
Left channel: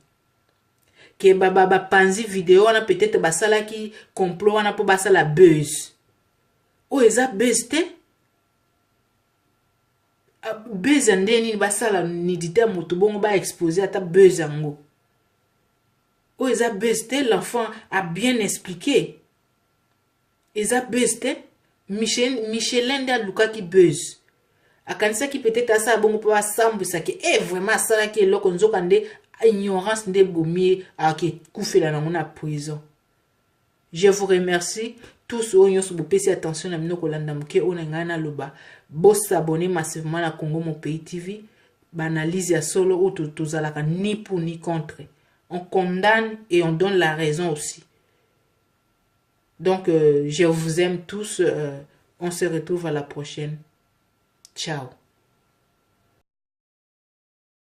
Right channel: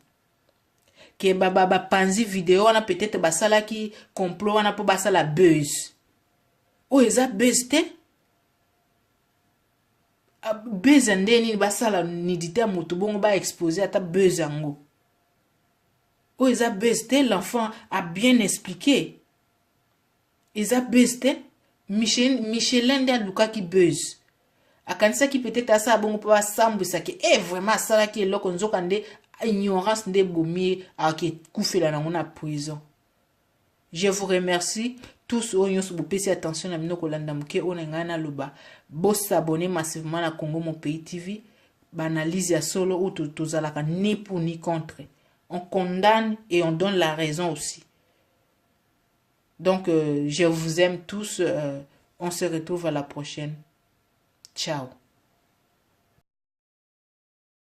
Ke baba panzi vidéo wana peut-être basala ki complot wana po basala buzz. O eza buzz te? Buzz ndeni basala nidité mutu bongo ba exposer ata buzz yango. O eza buzz te, l'enfant a bien expliqué. Eza buzz te? Michelin de aluka ki buzz. Akanisa ki peut-être asa bongo po asambwisa ke vraiment asala ki eloko nzoka nde ignorance nde bomi ake kufela na ngona prison. Je vous remercie tous oyo so bopesi attention na mino kolanda muke ona ngana loba bo s'abonner massivement na Congo Mon Pays TV banalise ya solo ou tozalaka ni pour ni contre. On condamne et on donne la raison aussi. Donc je vous aime tous, on se retrouve à la prochaine. Ciao.